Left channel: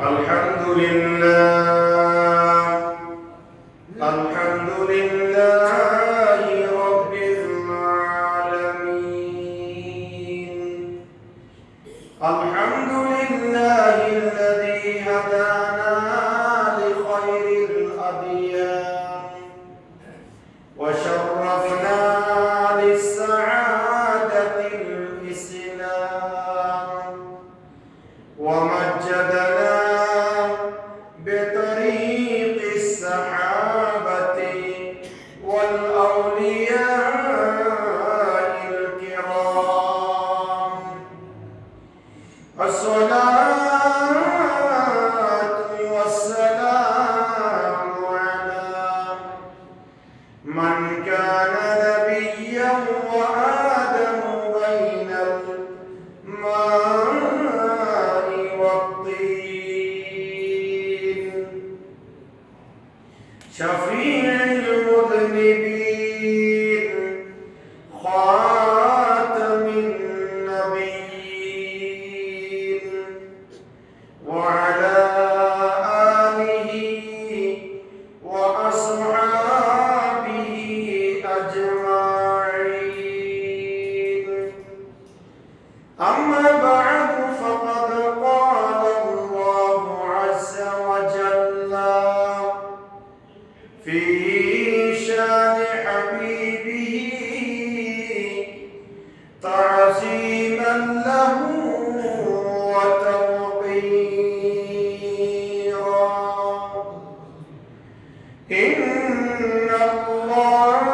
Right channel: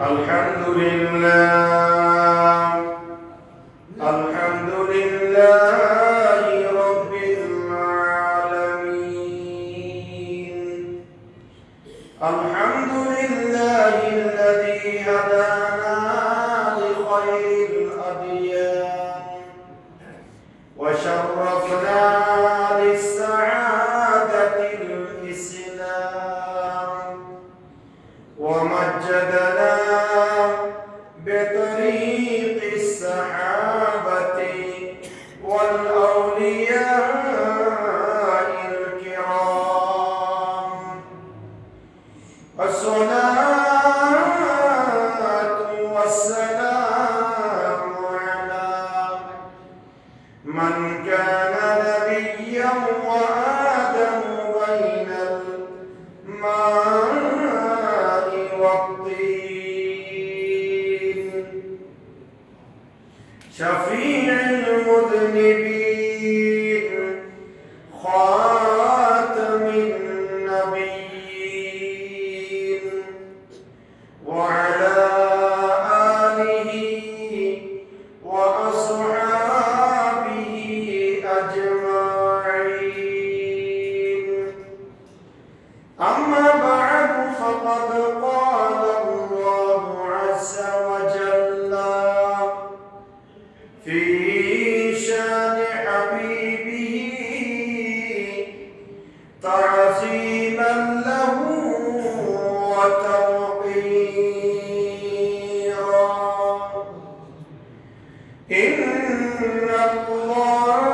الحمد لله الحمد لله رب العالمين الحمد لله الذي هدانا لخير الأديان وشرفنا للسعادة الإسلام ومجدنا بطريق السحابة والأولياء الكرام الصلاة والسلام على من كان نبيا وآدم بين الماء والطين شفيع المذنبين خاتم النبيين وعلى آله وأصحابه أجمعين أما بعد فقد قال الله عز وجل في شان حبيبه تعظيما له وتوقيرا إن الله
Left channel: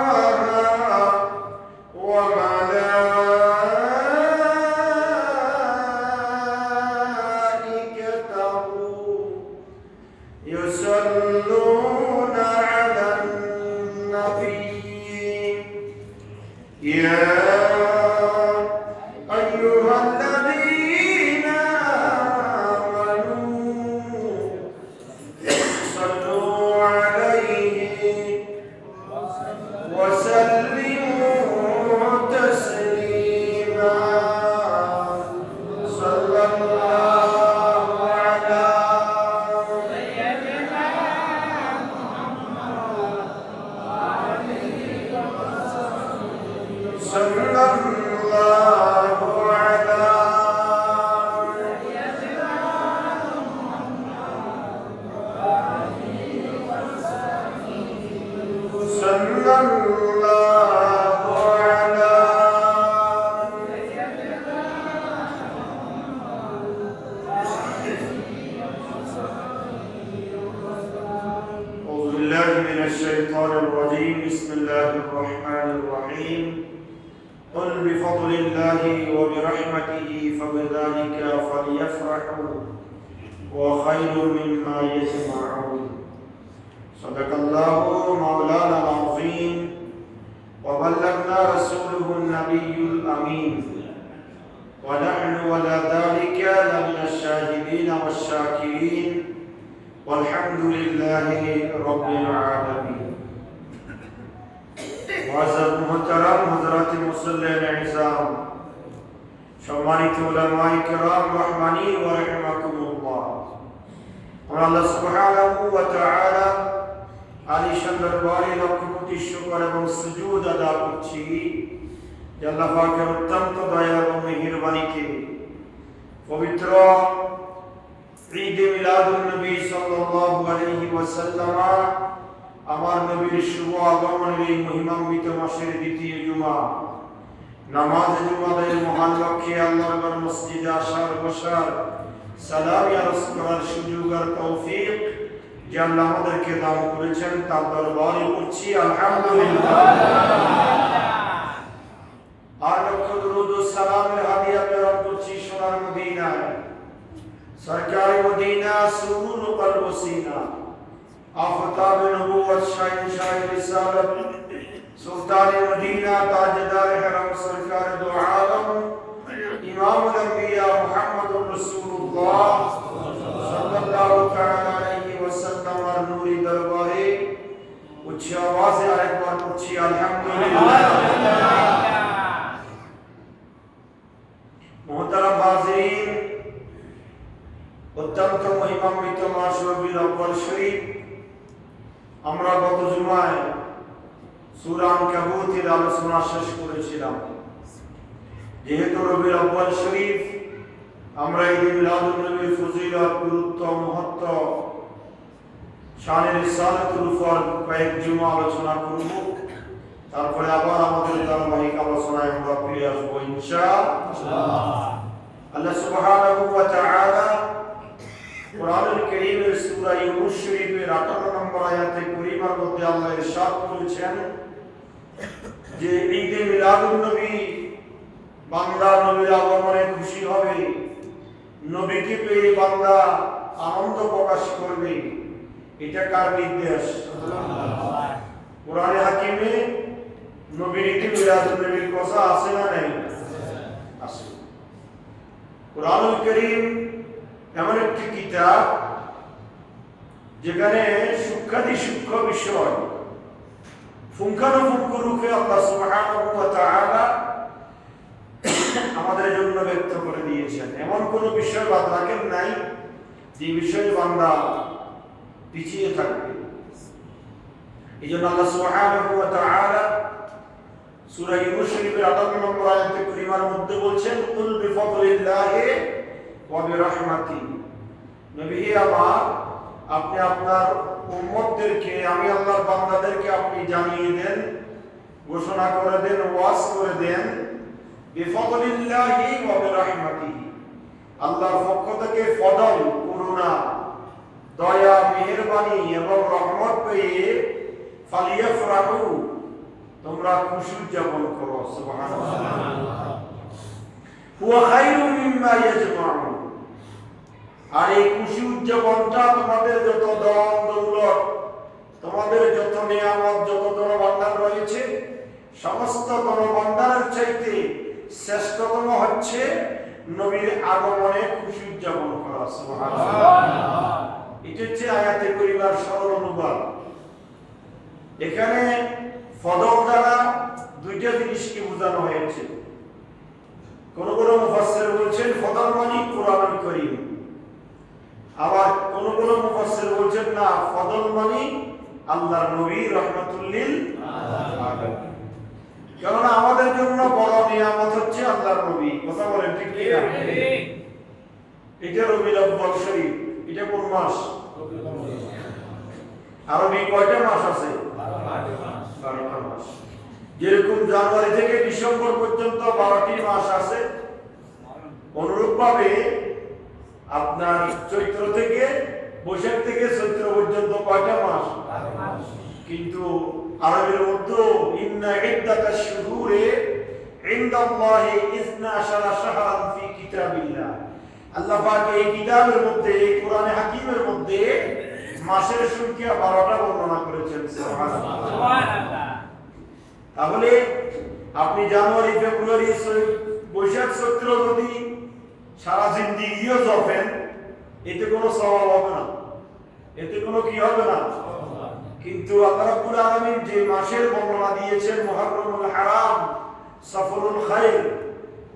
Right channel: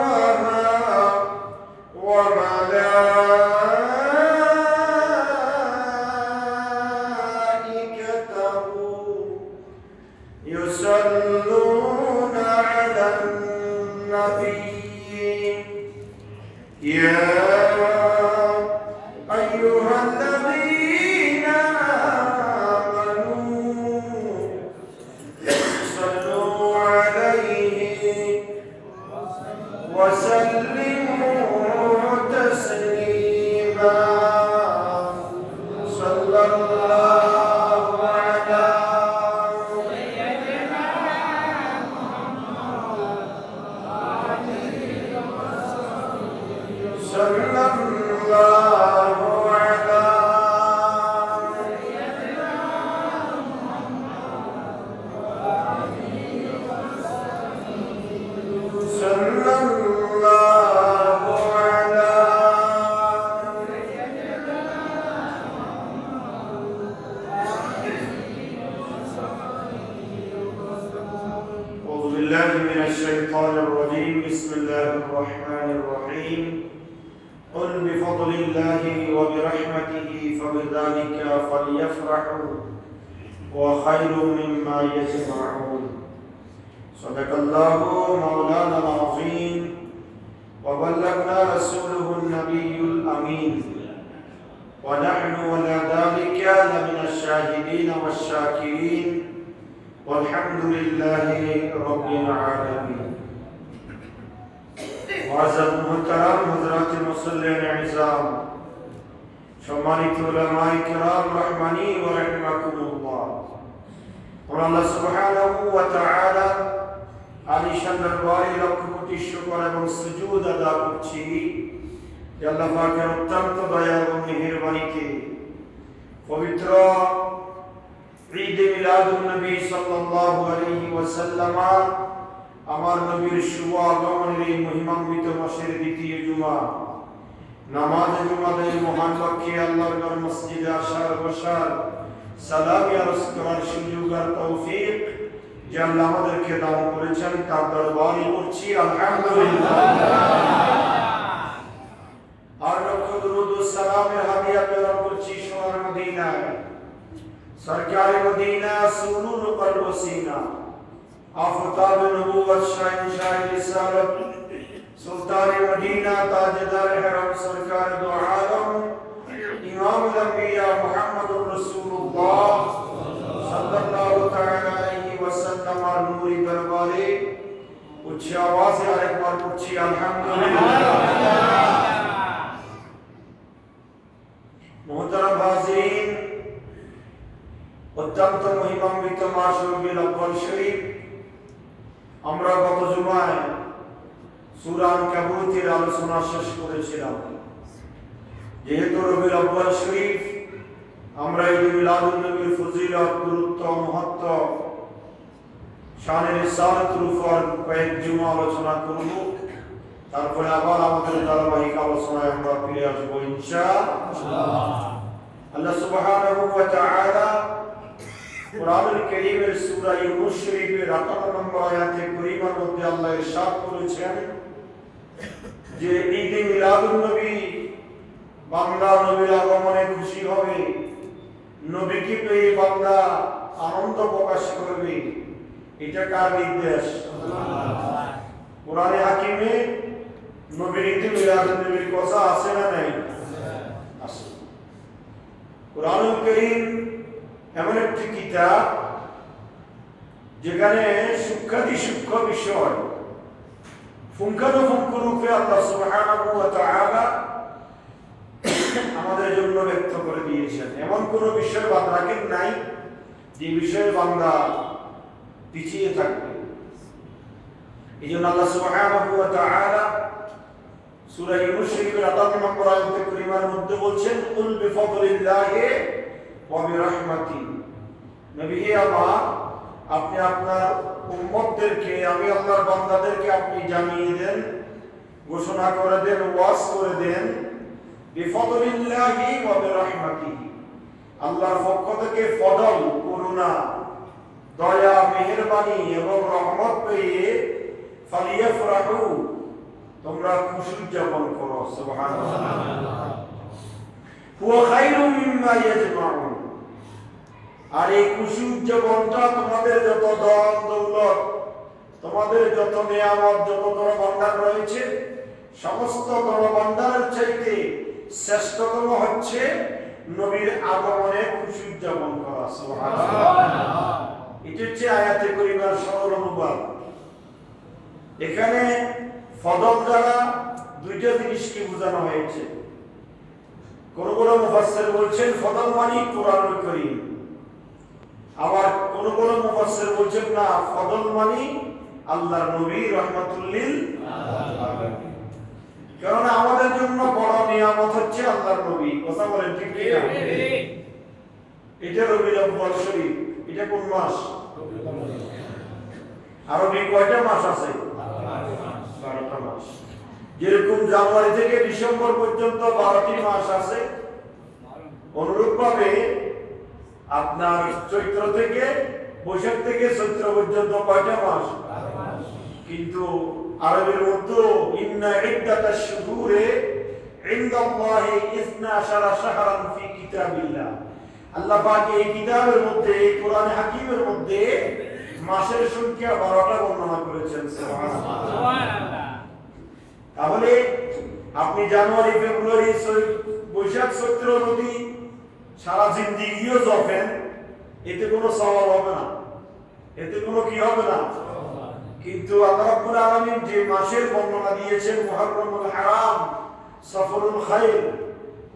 وملائكته يصلون على النبي يا أيها الذين آمنوا صلوا عليه وسلموا تسليما صلى الله على صلى الله على صلى الله على أعوذ بالله من الشيطان الرجيم بسم الله الرحمن الرحيم قل بفضل الله وبرحمته فبذلك فليفرحوا وخير مما يجمعون صدق الله مولانا العظيم وبلغنا رسوله النبي الأمين ونحن ولا ذلك لمن الشاهدين والشاكرين والحمد لله رب العالمين وعزت محترم حضرات মুসল্লিন ইনসাম সম্মানিত উলামায়ে কিরাম রহমানি ওয়া রাহিমাকুমুল্লাহ আল্লাহ সুবহানাহু ওয়া তাআলা আলিশান দরবারে লক্ষ কোটি শুকর এবং সুজুদ আদা করছি যে আল্লাহ পাকের অত্যন্ত দয়া এবং মেহেরবানিতে পবিত্র ঈদ মিলাদুন নবী সাল্লাল্লাহু আলাইহি ওয়াসাল্লাম আমার নবীর শুভ আগমনের এই মহিমান্বিত মাসের দ্বিতীয় জুমা নামাজ জুমার মহান লক্ষ্যে আল্লাহর মসজিদে আসার বসার সালামি আরজ করার সুযোগ আর তৌফিক যে আল্লাহ আমাদেরকে দান করেছেন তার দরবারে করছি আলহামদুলিল্লাহ আর লক্ষ দুরূদ ও সালামের হাদিয়া প্রেরণ করছি সোনার মদিনায় সরকারি মদিনা সুরুর কলব সিনা আফতাব নবুয়ত শাহ রিসালাত সুলতান মদিনা তাজদার হরম সরকার দু আলম ইমাম আল-আম্বিয়া মুহাম্মদুর রাসূলুল্লাহ সাল্লাল্লাহু তাআলা আলাইহি ওয়াসাল্লাম আর নূরি দরবারে উচ্চ আওয়াজে আরেকবার বলছি আলহামদুলিল্লাহ অত্যন্ত মহিমান্বিত মাস রবিউল আউয়াল শরীফ। আমরা গত জুমায় সূরা আনকাবুতের আলোচনা শেষ করেছিলাম। যেহেতু রবিউল আউয়াল শরীফ, আমরা ঈদে মিলাদুন নবীর ফজিলত, গুরুত্ব, মহত্ব, শানের রিসালাতুল উপর কয়েক জুমা আলোচনা করব। তারপরে আবার আমাদের ধারাবাহিক আলোচনায় আমরা ফিরে আসবো ইনশাআল্লাহ। আল্লাহ সুবহানাহু ওয়া তাআলা কুরআনুল কারীমের সূরা ইউনূস শরীফের 58 নম্বর আয়াতে কারীমার মধ্যে আল্লাহ ইরশাদ করেছেন যে ঈদে মিলাদুন নবী বান্দা নবীর আগমনে খুশি হবে, নবীকে পেয়ে বান্দা আনন্দ প্রকাশ করবে। এটা কার নির্দেশ? কোরআনে হাকিমে নবীর ঈদে মিলাদুন নবীর কথা আছে না নাই? আছে। কুরআনুল কারীম এমন একটি কিতাব যেখানে সূক্ষ্মাতি সূক্ষ্ম বিষয় পুঙ্খানুপুঙ্খ রূপে আল্লাহ সুবহানাহু ওয়া তাআলা আমাদের জন্য ব্যক্ত করে দিয়েছেন। এমন কোন বিষয় বাদ রাখেন নাই যে বিষয়ে বান্দা পিছিয়ে থাকবে। এই জন্য আল্লাহ সুবহানাহু ওয়া তাআলা সূরা ইউনূস শরীফের 58 নম্বর আয়াতে কারীমার মধ্যে বলছেন, কুল বিফাদলিল্লাহি ওয়া বিরাহমাতিহি। নবী আমার, আপনি আপনার উম্মতদেরকে, আমি আল্লাহর বান্দাদেরকে আপনি জানিয়ে দেন, ঘোষণা করে দেন, ওয়াজ করে দেন, বিফাদলিল্লাহি ওয়া বিরাহমাতিহি, আল্লাহর পক্ষ থেকে ফজল, করুণা, দয়া, মেহেরবানি এবং রহমত পেয়ে ফালিয়াফরাহু, তোমরা খুশি উদযাপন করো। সুবহানাল্লাহ। হুয়া খায়রুম মিম্মা ইয়াজমাউন। আর এই খুশি উদযাপনটা তোমাদের যত ধন দৌলত, তোমাদের যত নিয়ামত, যত ধনভাণ্ডার রয়েছে, সমস্ত ধনভাণ্ডারের চাইতে শ্রেষ্ঠতম হচ্ছে নবীর আগমনে খুশি উদযাপন করা। সুবহানাল্লাহ। এটা হচ্ছে আয়াতে কারীমার সরল অনুবাদ। এখানে ফজল দ্বারা দুইটা জিনিসকে বোঝানো হয়েছে। কোন কোন মুফাসসির বলছেন ফজল মানে কুরআনুল কারীম, আবার কোন কোন মুফাসসির বলছেন না, ফজল মানে আল্লাহর নবী রাহমাতুল লিল আলামিন। কারণ আমাদের জন্য বড় নিয়ামত হচ্ছে আল্লাহর নবী। কথা বলেন ঠিক কি না? এটা রবিউল আউয়াল শরীফ। এটা কোন মাস? আরবি কয়টা মাস আছে? 12টা মাস। যেরকম জানুয়ারি থেকে ডিসেম্বর পর্যন্ত 12টি মাস আছে, অনুরূপভাবে আপনার চৈত্র থেকে, বৈশাখ থেকে চৈত্র পর্যন্ত কয়টা মাস? কিন্তু আরবের মধ্যে ইন্না ইদ্দাতাশ শুহুরে ইনদাল্লাহি 12 শাহরান ফি কিতাবিল্লাহ। আল্লাহ পাক এই কিতাবের মধ্যে, এই কোরআনে হাকিমের মধ্যে মাসের সংখ্যা 12টা বর্ণনা করেছেন। সুবহানাল্লাহ। তাহলে আপনি জানুয়ারি, ফেব্রুয়ারি, বৈশাখ, চৈত্র যদি সারা জিন্দেগিও জপেন, এতে কোনো সওয়াব হবে না, এতে কোনো কি হবে না। কিন্তু আল্লাহ রাব্বুল আলামিন যে মাসের বর্ণনা দিয়েছেন, মুহররমুল হারাম, সফরুল খাইর,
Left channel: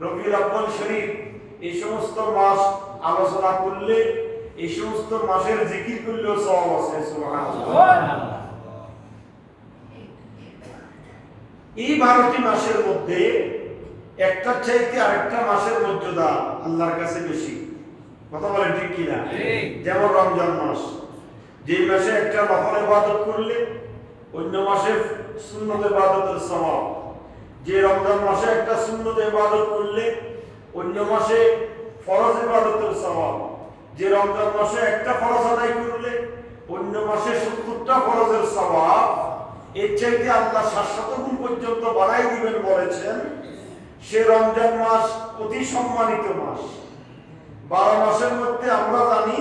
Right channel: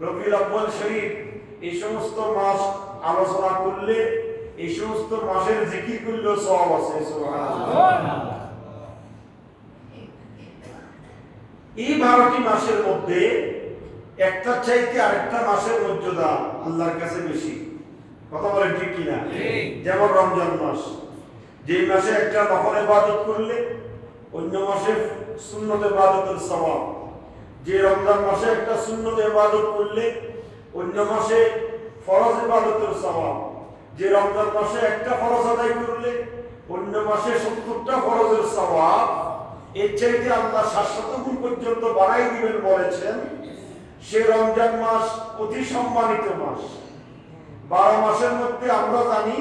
রবিউল আউয়াল শরীফ, এই সমস্ত মাস আলোচনা করলে, এই সমস্ত মাসের জিকির করলেও সওয়াব আছে। সুবহানাল্লাহ। এই 12টি মাসের মধ্যে একটা চাইতে আরেকটা মাসের মর্যাদা আল্লাহর কাছে বেশি। কথা বলেন ঠিক কি না? যেমন রমজান মাস, যে মাসে একটা নফল ইবাদত করলে অন্য মাসে সুন্নত ইবাদতের সওয়াব, যে রমজান মাসে একটা সুন্নত ইবাদত করলে অন্য মাসে ফরজ ইবাদতের সওয়াব, যে রমজান মাসে একটা ফরজ আদায় করলে অন্য মাসে 70টা ফরজের সওয়াব, এর চাইতে আল্লাহ 700 গুণ পর্যন্ত বাড়াই দিবেন বলেছেন। সে রমজান মাস অতি সম্মানিত মাস। 12 মাসের মধ্যে আমরা জানি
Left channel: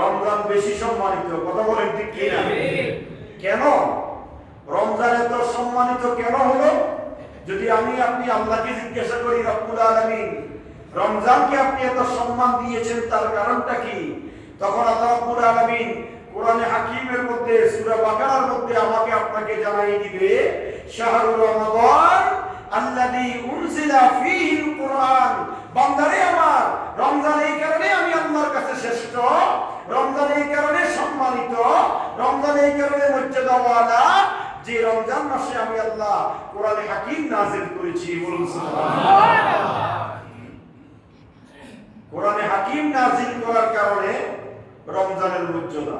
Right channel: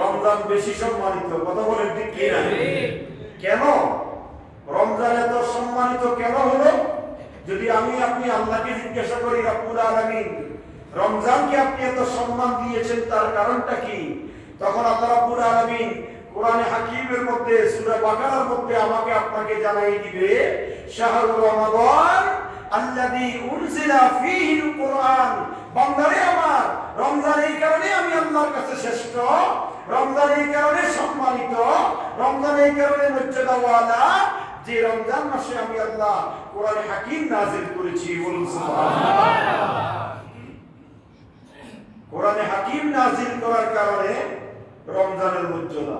রমজান বেশি সম্মানিত। কথা বলেন ঠিক কি না? কেন রমজান এত সম্মানিত কেন হলো? যদি আমি আপনি আল্লাহকে জিজ্ঞাসা করি, রব্বুল আলামিন রমজানকে আপনি এত সম্মান দিয়েছেন, তার কারণটা কি? তখন আল্লাহ রব্বুল আলামিন কোরআনে হাকিমের মধ্যে, সূরা বাকারার মধ্যে আমাকে আপনাকে জানাই দিবে, শাহরুর রমাদান আল্লাযী উনজিলা ফীহিল কুরআন। বান্দারে আমার, রমজান এই কারণে আমি আল্লাহর কাছে শ্রেষ্ঠ এই কারণে সম্মানিত, রমজান এই কারণে মর্যাদাওয়ালা যে রমজান মাসে আমি আল্লাহ কোরআন হাকিম নাযিল করেছি। বলুন সুবহানাল্লাহ। কোরআন হাকিম নাযিল করার কারণে রমজানের মর্যাদা।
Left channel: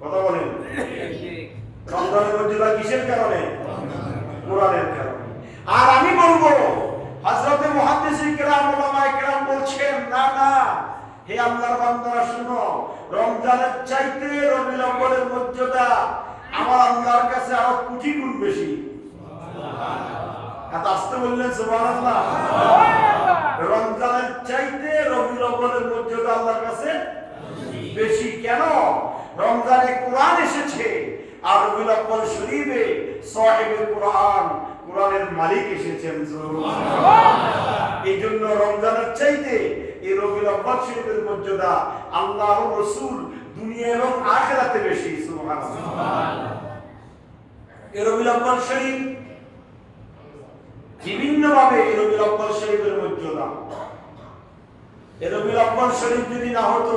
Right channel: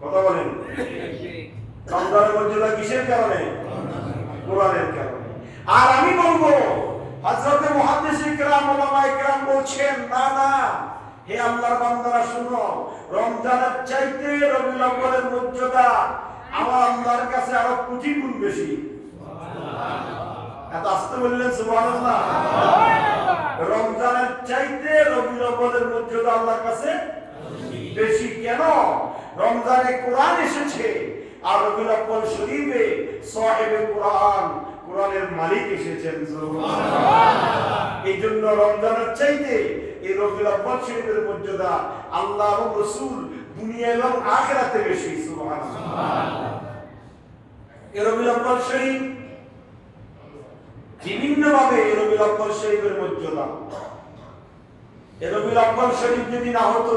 কথা বলেন, রমজানের মর্যাদা কিসের কারণে? কোরআনের কারণে। আর আমি বলবো হযরতে মুহাদ্দিসিন কিরাম, উলামায়ে কিরাম বলছেন, না না হে আল্লাহর বান্দারা শুনো, রমজানের চাইতে রবিউল আউয়ালের মর্যাদা আমার আল্লাহর কাছে আরো কোটি গুণ বেশি। সুবহানাল্লাহ। আস্তে বললেন সুবহানাল্লাহ। রমজানের চাইতে রবিউল আউয়ালের মর্যাদা আল্লাহর কাছে বেশি। কেন? রমজানে কোরআন এসেছে, আর রবিউল আউয়াল শরীফে সাহেবে কোরআন, কোরআনের মালিক এসেছেন। সুবহানাল্লাহ। এই জন্য রমজানের চাইতে এই রবিউল আউয়াল শরীফের মর্যাদা আল্লাহ ও রাসূল দুনিয়া এবং আখিরাতে বেশি। সুবহানাল্লাহ। এই রবিউল আউয়াল শরীফ বিভিন্ন ভাবে রবিউল আউয়াল শরীফের মর্যাদা। এই রবিউল আউয়াল শরীফ যদি না হতো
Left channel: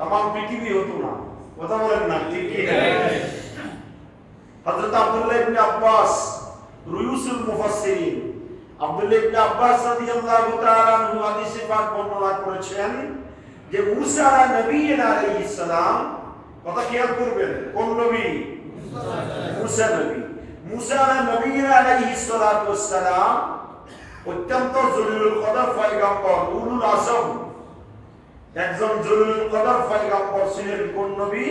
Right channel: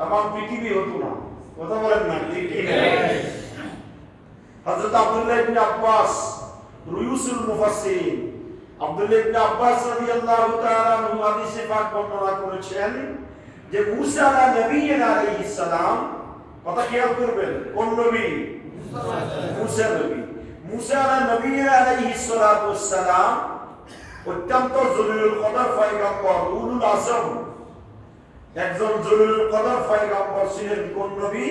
तमाम পৃথিবী হতো না। কথা বলেন না ঠিক কি? হযরত আব্দুল্লাহ ইবনে আব্বাস রুয়ুসুল মুফাসসিরিন, আব্দুল্লাহ ইবনে আব্বাস রাদিয়াল্লাহু তাআলা আনহু হাদিসে পাক বর্ণনা করেছেন যে মুসা নবীনা আলাইহিস সালাম, কথা খেয়াল করবেন, কোন নবী? মুসা নবী। মুসা নবীনা আলাইহিস সালাতু ওয়াস সালাম অত্যন্ত জলিলুল কদর পয়গম্বর, উলুল আযম, একজন জলিলুল কদর পয়গম্বর ছিলেন। কোন নবী?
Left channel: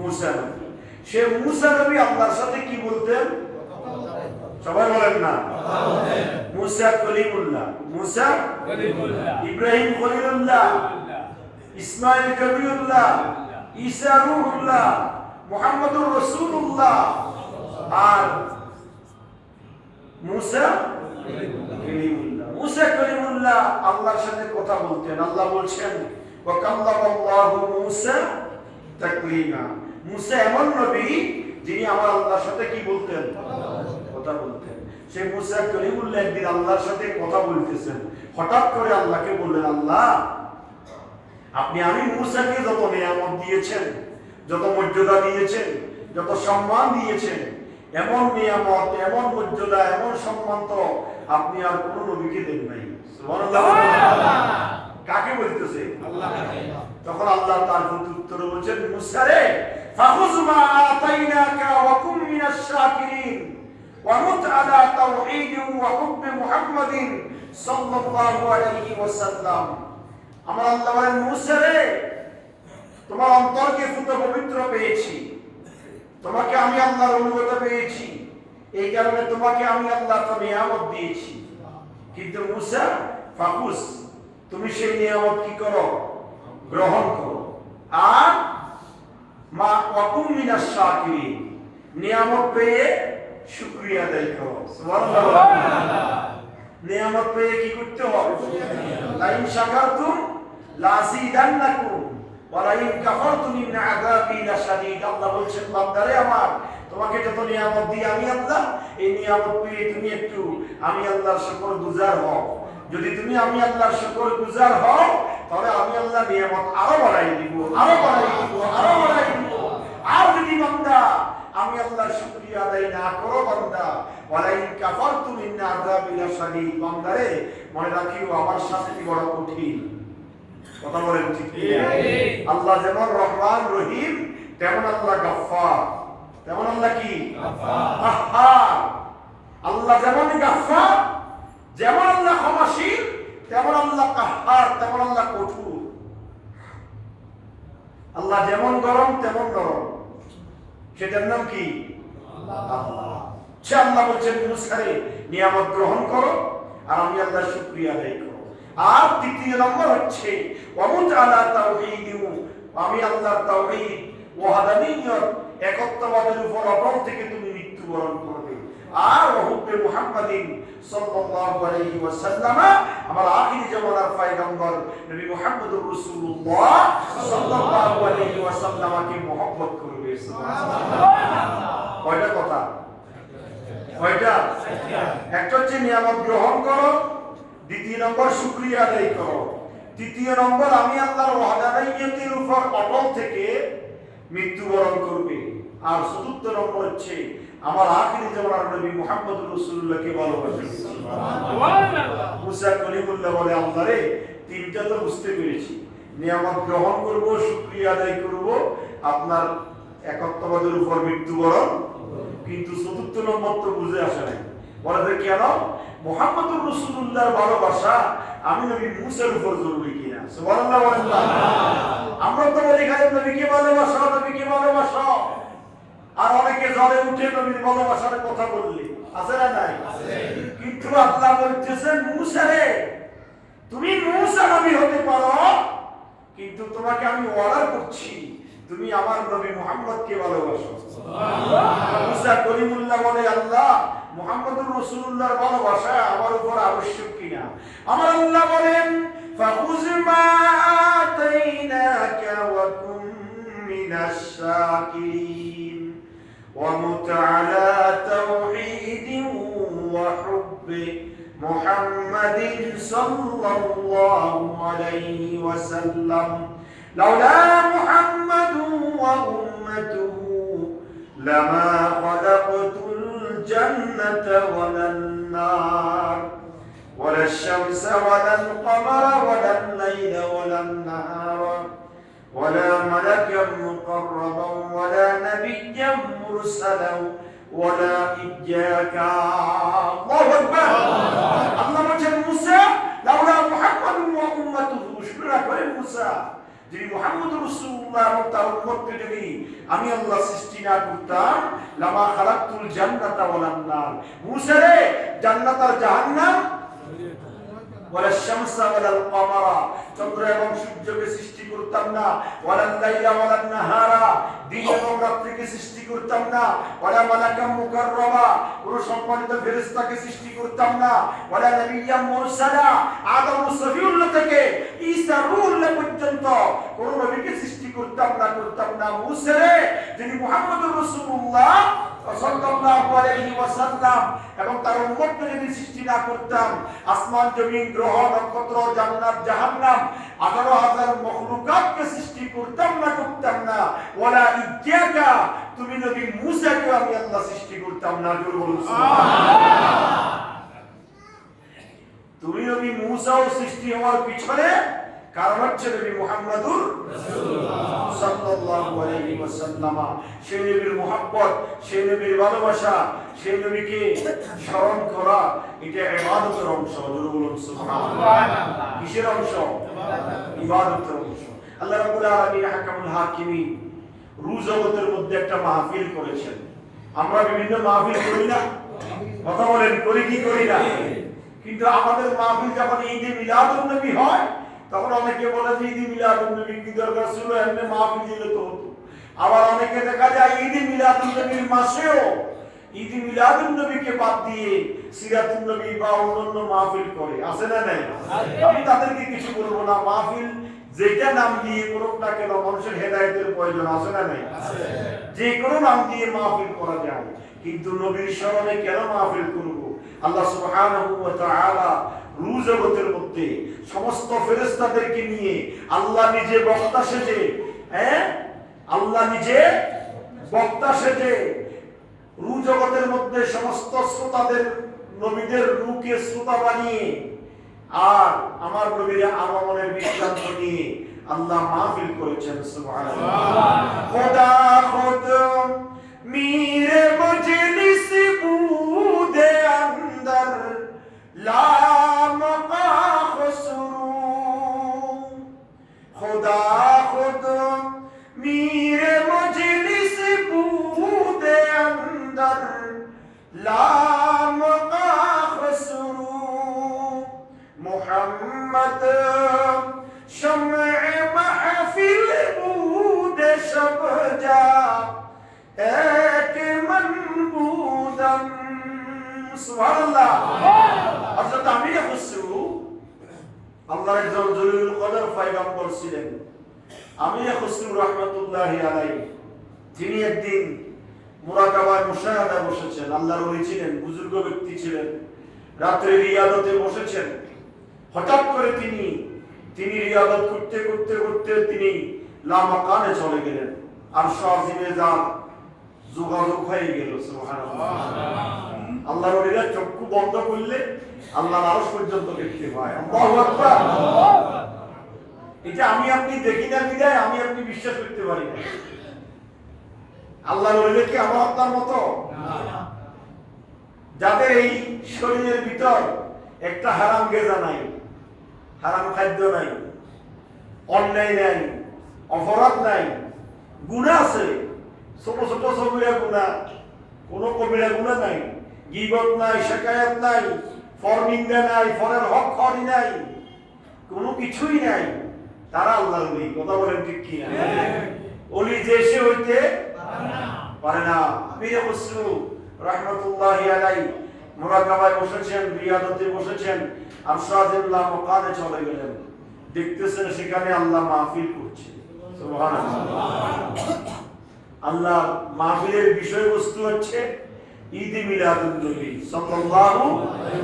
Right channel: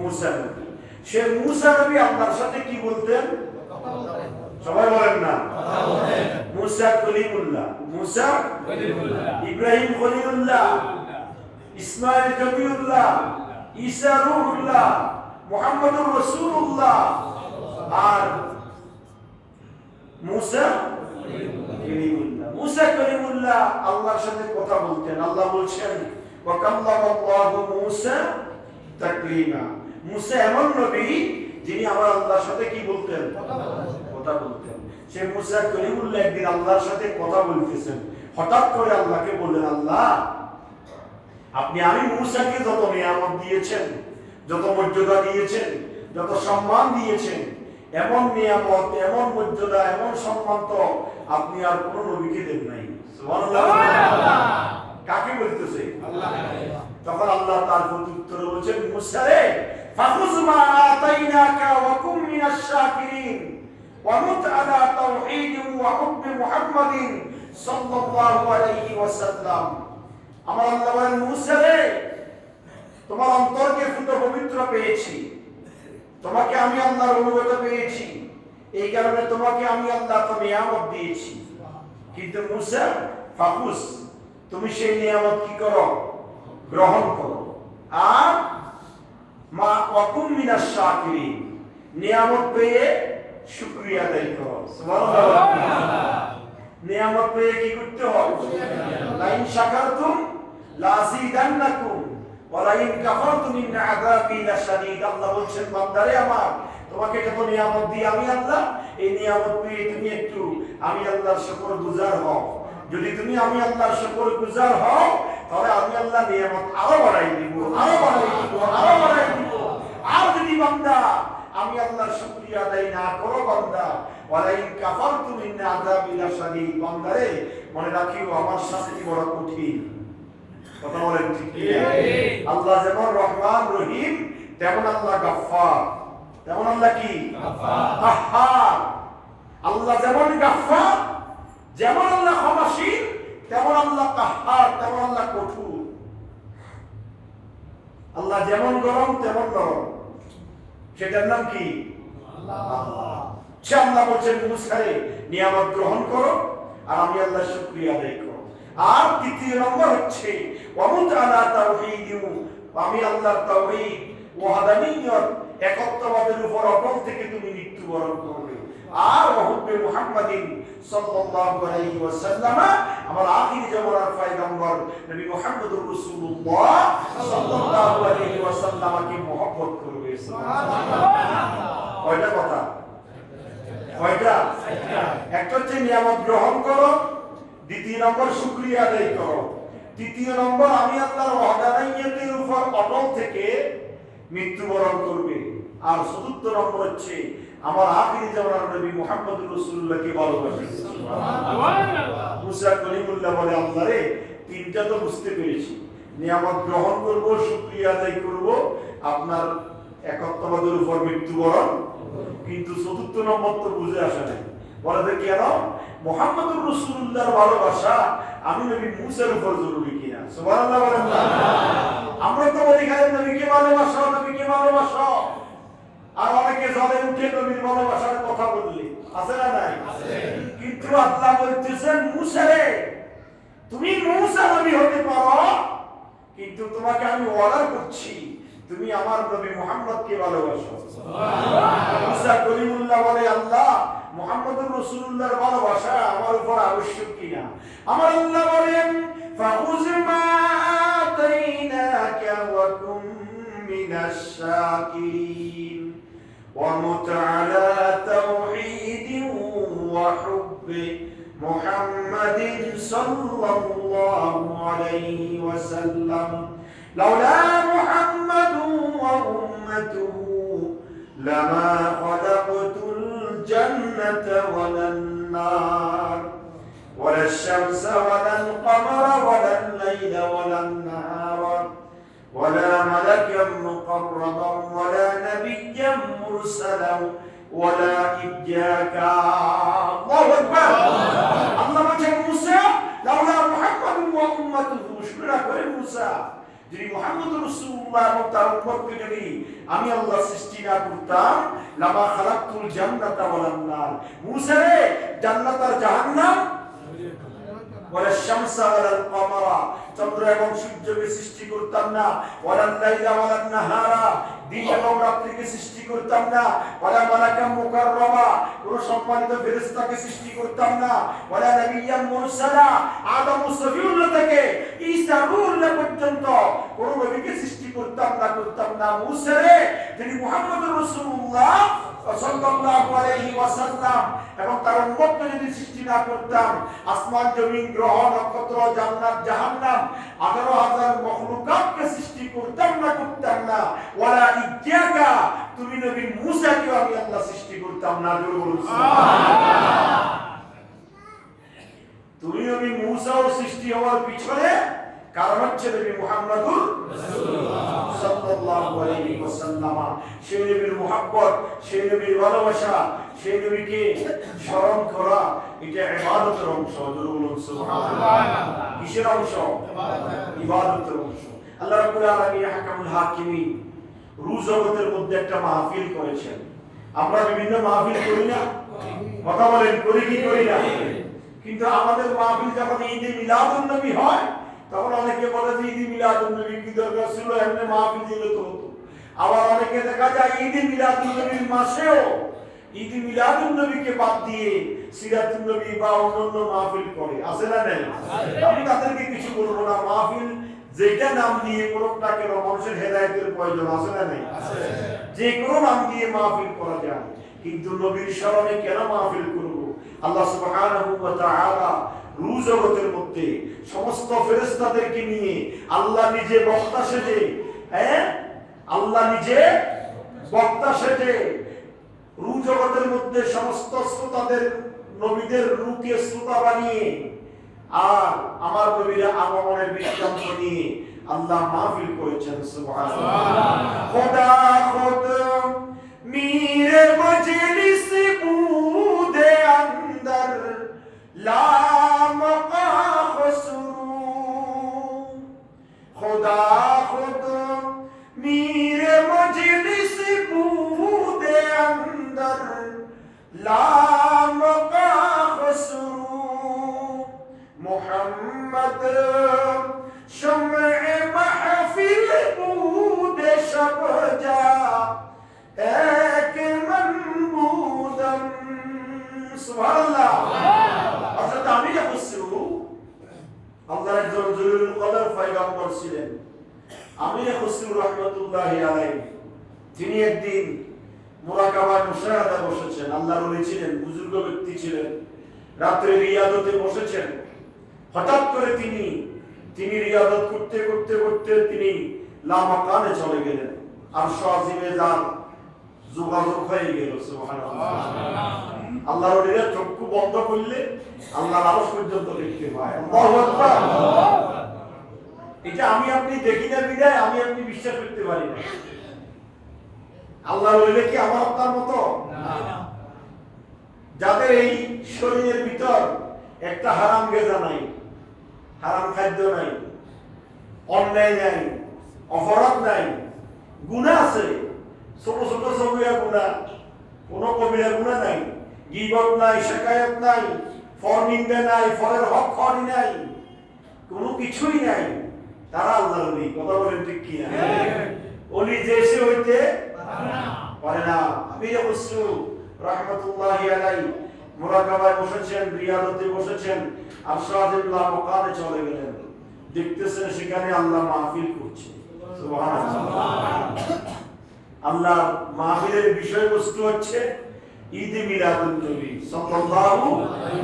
মুসা নবী। সে মুসা নবী আল্লাহর সাথে কি বলতেন? সবাই বলেন না, মুসা কলিমুল্লাহ, মুসা কলিমুল্লাহ, ইব্রাহিম কলিমুল্লাহ, ইসমাঈল কলিমুল্লাহ, ঈসা রূহুল্লাহ, মুহাম্মদুর রাসূলুল্লাহ, আর মুসা কলিমুল্লাহ। মুসা কলিমুল্লাহ আল্লাহর সাথে কথা বলতেন। আল্লাহ বলছেন ওয়া কাল্লামাল্লাহু মুসা তাকলিমা। মুসা এমন নবী যিনি আমার আল্লাহর সাথে কি বলতেন? কথা বলতেন। সে মুসা কলিমুল্লাহ একদিন আল্লাহর সাথে কথা বলতেছেন, হঠাৎ করে আল্লাহকে বললেন, আল্লাহ আপনি আমি মুসাকে যত নিয়ামত দিয়েছেন, যত মর্যাদা দিয়েছেন, যত সম্মান দিয়েছেন, এমন নিয়ামত, এমন মর্যাদা, এমন সম্মান তো আপনি আর কোন নবীকে দেন নাই। সুবহানাল্লাহ। কাকে বলতেছে? আল্লাহকে। তখন আল্লাহ তার উত্তরে বলেন, মুসা রে ফাখুজ মা আতাইনাকা ওয়া কুম মিনাশ শাকিরিন ওয়া মুত আলা তাওহীদ ওয়া হুব্ব মুহাম্মাদিন সাল্লাল্লাহু আলাইহি ওয়াসাল্লাম। আমার আল্লাহ বলেন, মুসা রে তোমার অন্তরকে শুদ্ধ পবিত্র পেয়েছি, তোমাকে আমি আল্লাহর অনুগত পেয়েছি, এই কারণে তোমাকে আমি আল্লাহ তো নিয়ামত দিয়েছি। কিন্তু মুসা ফাকুস, তুমি সেই নিয়ামত কি করো? গ্রহণ করো। আর মা ওয়াকুম মিনাশ শাকিরিন, নিয়ামত পেয়ে শুকরিয়া আদায় করো। সুবহানাল্লাহ। নিয়ামত পেয়ে কি করতে হবে? লাইন শাকারতুম লাযিদান্নাকুম ওয়া লাইন কাফারতুম ইন আযাবি লাশাদীদ। আল্লাহ বলছেন, বান্দারে আমার, তোমাকে যত নিয়ামত দিই আমি আল্লাহ, এই নিয়ামত পেয়ে তুমি একটু আমি আল্লাহর শুকরগুজার হও। যদি তুমি আমি আল্লাহর শুকরগুজার হও, তাহলে আমি আল্লাহ নিয়ামত আরো বাড়াই দিব, আরো বাড়াই দিব, আরো বাড়াই দিব। আর যদি বান্দা আমি আল্লাহর শুকরিয়া আদায় না করো, বান্দা ওয়ালাইন কাফারতুম ইন আযাবি লাশাদীদ, বান্দারে মনে রাখিও আমার শাস্তি বড় কঠিন। কথা বলেন ঠিক কি? আল্লাহ যেমন রহমান রহিম, তেমন আল্লাহ গফফার। তেমন আল্লাহ কি? গফফার। আল্লাহ যেমন গফফার, যেমন আল্লাহ ক্ষমাশীল, তেমন আল্লাহ কাহ্হার, তেমন আল্লাহ কঠোর। আল্লাহ যেমন গরম তেমন নরম, সেটার নাম কি? আল্লাহ। সে আল্লাহ বলছেন, মুসারে নিয়ামত গ্রহণ করো আর আমি আল্লাহর শুকরিয়া আদায় করো। আর দ্বিতীয় নম্বর হচ্ছে ওয়ামুত আলা তাওহীদ, আমি আল্লাহর তাওহীদ, ওয়াহদানিয়ত, একত্ববাদের উপর অটল থেকে তুমি মৃত্যুবরণ করবে। আর হুব্বে মুহাম্মাদিন সাল্লাল্লাহু আলাইহি ওয়াসাল্লাম, আমার আখির জামানার পয়গম্বর নবী মুহাম্মদুর রাসূলুল্লাহ সাল্লাল্লাহু আলাইহি ওয়াসাল্লামকে মহব্বত করবে। সুবহানাল্লাহ। কয়টা কথা? কয়টা? একটা হচ্ছে নিয়ামত গ্রহণ করো, দ্বিতীয় নম্বর শুকরিয়া আদায় করো, তৃতীয় নম্বর, আমি আল্লাহর ওয়াহদানিয়তের উপর অটল থেকে মৃত্যুবরণ করবে। আর চতুর্থ নম্বর হচ্ছে আমার আখিরি জামানার নবী মুহাম্মদ রাসূলুল্লাহকে ভালোবাসে। সুবহানাল্লাহ। মুসা কলিমুল্লাহ বলে, আল্লাহ রে, তিনটা তো বুঝতে পেরেছি, নিয়ামত গ্রহণ করব, শুকরিয়া আদায় করব, আপনার একত্ববাদের উপর মৃত্যুবরণ, কিন্তু চতুর্থ নম্বর তো বুঝে আসে নাই। বলে কেন? মুহাম্মদুর রাসূলুল্লাহর ভালোবাসা আমি নবী মুসার উপর জরুরি কিনা? সুবহানাল্লাহ বলেন না? আমরা তো বলি খালি নবীকে ভালোবাসা, নবীকে ভালোবাসা, আর অনেকে জলে উঠে নবীর ভালোবাসার কথা বললে আছে না নাই? কিন্তু আল্লাহ বলতেছেন, মুসা রে, তুমি মুসা নবী হতে পারো, কিন্তু তোমাকে আমি ওয়াদা করছি তুমি আমার নবী মুহাম্মদকে ভালোবাসো। সুবহানাল্লাহ। মুসা কলিমুল্লাহ বলে, আল্লাহ মুহাম্মদুর রাসূলুল্লাহর ভালোবাসা আমার উপর আবশ্যক কিনা? আমার আল্লাহ বলেন, ফাখুয মা আতাইনাকা ওয়া কুম মিনাশ শাকিরিন ওয়া মুত আলা তাওহীদিন ওয়া হুব্বি মুহাম্মাদিন সাল্লাল্লাহু আলাইহি ওয়াসাল্লাম লাউলা মুহাম্মাদুন ওয়া উম্মাতুহু লামা খালাকতুল জান্নাতা ওয়ালান নার ওয়ালাশ শামসা ওয়ালাল কমারা ওয়ালাল লাইলা ওয়ালান নাহারা ওয়ালা মালাকাম মুকাররাবান ওয়ালা নাবিয়্যাম মুরসালান ওয়ালা ইজ্জাকা। আল্লাহু আকবার। আল্লাহ বলেন, মুসা লাউলা মুহাম্মাদুন ওয়া উম্মাতুহু, শুকরা করে মুসা, যদি মুহাম্মদ রাসূলুল্লাহ এবং তার উম্মতকে যদি আমি আল্লাহ সৃষ্টি না করতাম, লামা খালাকতুল জান্নাতা ওয়ালান নার, মুসা রে, জান্নাত আর জাহান্নাম, ওয়ালা শামসা ওয়ালাল কমারা, চন্দ্র এবং সূর্যকে সৃষ্টি করতাম না, ওয়ালাল লাইলা ওয়ালান নাহারা, দিন এবং রাত্রিকে সৃষ্টি করতাম না, ওয়ালা মালাকাম মুকাররামা, কোন সম্মানিত ফেরেশতাকে সৃষ্টি করতাম না, ওয়ালা নাবিয়্যাম মুরসালা, আদম সফিউল্লাহ থেকে ঈসা রূহুল্লাহ পর্যন্ত কোন নবীকে সৃষ্টি করতাম না। মুসা রে, যিনি মুহাম্মদুর রাসূলুল্লাহ সাল্লাল্লাহু আলাইহি ওয়াসাল্লাম এবং তার উম্মতকে যদি সৃষ্টি না করতাম, আসমান জমিন গ্রহ নক্ষত্র জান্নাত জাহান্নাম 18,000 মখলুকাতকে সৃষ্টি করতাম না, ওয়ালা ইজ্জাকা, তুমি নবী মুসাকে আমি আল্লাহ সৃষ্টি করতাম না। সুবহানাল্লাহ। তুমি নবী মুসাও সৃষ্টি হওয়ার পিছনে কারণ হচ্ছে নবী মুহাম্মদুর রাসূলুল্লাহ সাল্লাল্লাহু আলাইহি ওয়াসাল্লাম। সেই নবীর মুহাব্বত, সেই নবীর ভালোবাসা, সেই নবীকে স্মরণ করা, এটা ইবাদতের অংশ। সুবহানাল্লাহ। কিসের অংশ? ইবাদতের অংশ। আল্লাহ রাব্বুল আলামিন আহকামুল হাকিমিন রূহ জগতের মধ্যে একটা মাহফিল করেছেন। আমরা বিভিন্ন মাহফিল করি না? কথা বলেন, করি কি করি না? কিন্তু আমাদের মাহফিল যখন ঈদে মিলাদুন নবী হয়, তখন অনেকে বলে যে ঈদে মিলাদুন নবী কি দরকার ছিল, এমনি মাহফিল দিলে তো হতো। আবার অনেকে দেখা যায় ঈদে মিলাদুন নবীর মাসেও ঈদে মিলাদুন নবীকে বাদ দিয়ে সিরাতুন নবী বা অন্যান্য মাহফিল করে। আছে না নাই? আমি তাদেরকে কিছু বলবো না। মাহফিল যেটা নাম দিয়ে করুক না কেন, মানুষের হেদায়েতের প্রয়োজন আছে না নাই? যে কোনো নাম দিয়ে মাহফিল করা যায়, কিন্তু নবীর স্মরণে কেন মাহফিল করব? আল্লাহ সুবহানাহু ওয়া তাআলা রূহ জগতের মধ্যে সমস্ত ফেরেশতাদেরকে নিয়ে আল্লাহ নিজে বক্তা সেজে, আল্লাহ নিজে বক্তা সেজে রূহ জগতের মধ্যে সমস্ত শ্রোতাদের, নবীদের রূহকে শ্রোতা বানিয়ে আর আমার নবীর আগমনের বৃত্তান্ত নিয়ে আল্লাহ মাহফিল করেছেন। সুবহানাল্লাহ। খোদা খুদ মেরে মজলিস বুদে अंदर ला मका खुसरू, खुदा खुद मेरे मजलिस बूदे अंदर ला मका खुसरू, मुहम्मद शम्ए महफिल बूदे शब जा एक मनबूदम। সুবহানাল্লাহ। অর্থাৎ আমির খুসরু আল্লাহর একজন জলিলুল কদর পয়গম্বর ছিলেন, আমির খুসরু রাহমাতুল্লাহি আলাইহি। তিনি একদিন মুরাকাবায় মুশাহাদায় বসেছেন। আল্লাহর ওলি ছিলেন, বুজুর্গ ব্যক্তি ছিলেন। রাত্রে রিয়াদতে বসেছেন। হঠাৎ করে তিনি তিনি রিয়াদত করতে করতে করতে তিনি লামাকানে চলে গেলেন, আরশ আজিমে যান যোগাযোগ হয়ে গেল। সুবহানাল্লাহ। আল্লাহর ওলিরা চক্ষু বন্ধ করলে আল্লাহর আরশ পর্যন্ত দেখতে পায়। আল্লাহু আকবার। এটা আমি আপনি দেখি না বিদায় আমি আপনি বিশ্বাস করতে পারি না। আল্লাহর ওলিরা কি আমার আপনার মতো না? যাদের এই শরীরের ভিতর একটা হারাম গেজা নাই, হারাম খাদ্য নাই, অন্যায় নাই, অপরাধ নাই, গুনাহ আছে, ছোট ছোট সগীরা গুনাহ, কোনো কবিরা গুনাহ নাই, গীবত নাই, শিকায়াত নাই, ফরনিন্দা নাই, ফরের হক খোয়ানি নাই, কোনো কিছুই নাই, তারা আল্লাহর ওলি। কথা বলেন ঠিক কি না? ওলি যে সে হইতে পারে না। পীর খসরু রাহমাতুল্লাহি আলাইহি মুরাকাবায় বসেছেন, রিয়াদতে বসেছেন, আরশাদুল্লাহ মাকানে চলে গেলেন, দেখতেছেন সেখানে আল্লাহ মাহফিল করছে। সুবহানাল্লাহ। আল্লাহ মাহফিলের বিষয়বস্তু হচ্ছে ঈদ মিলাদুন নবী সাল্লাল্লাহু আলাইহি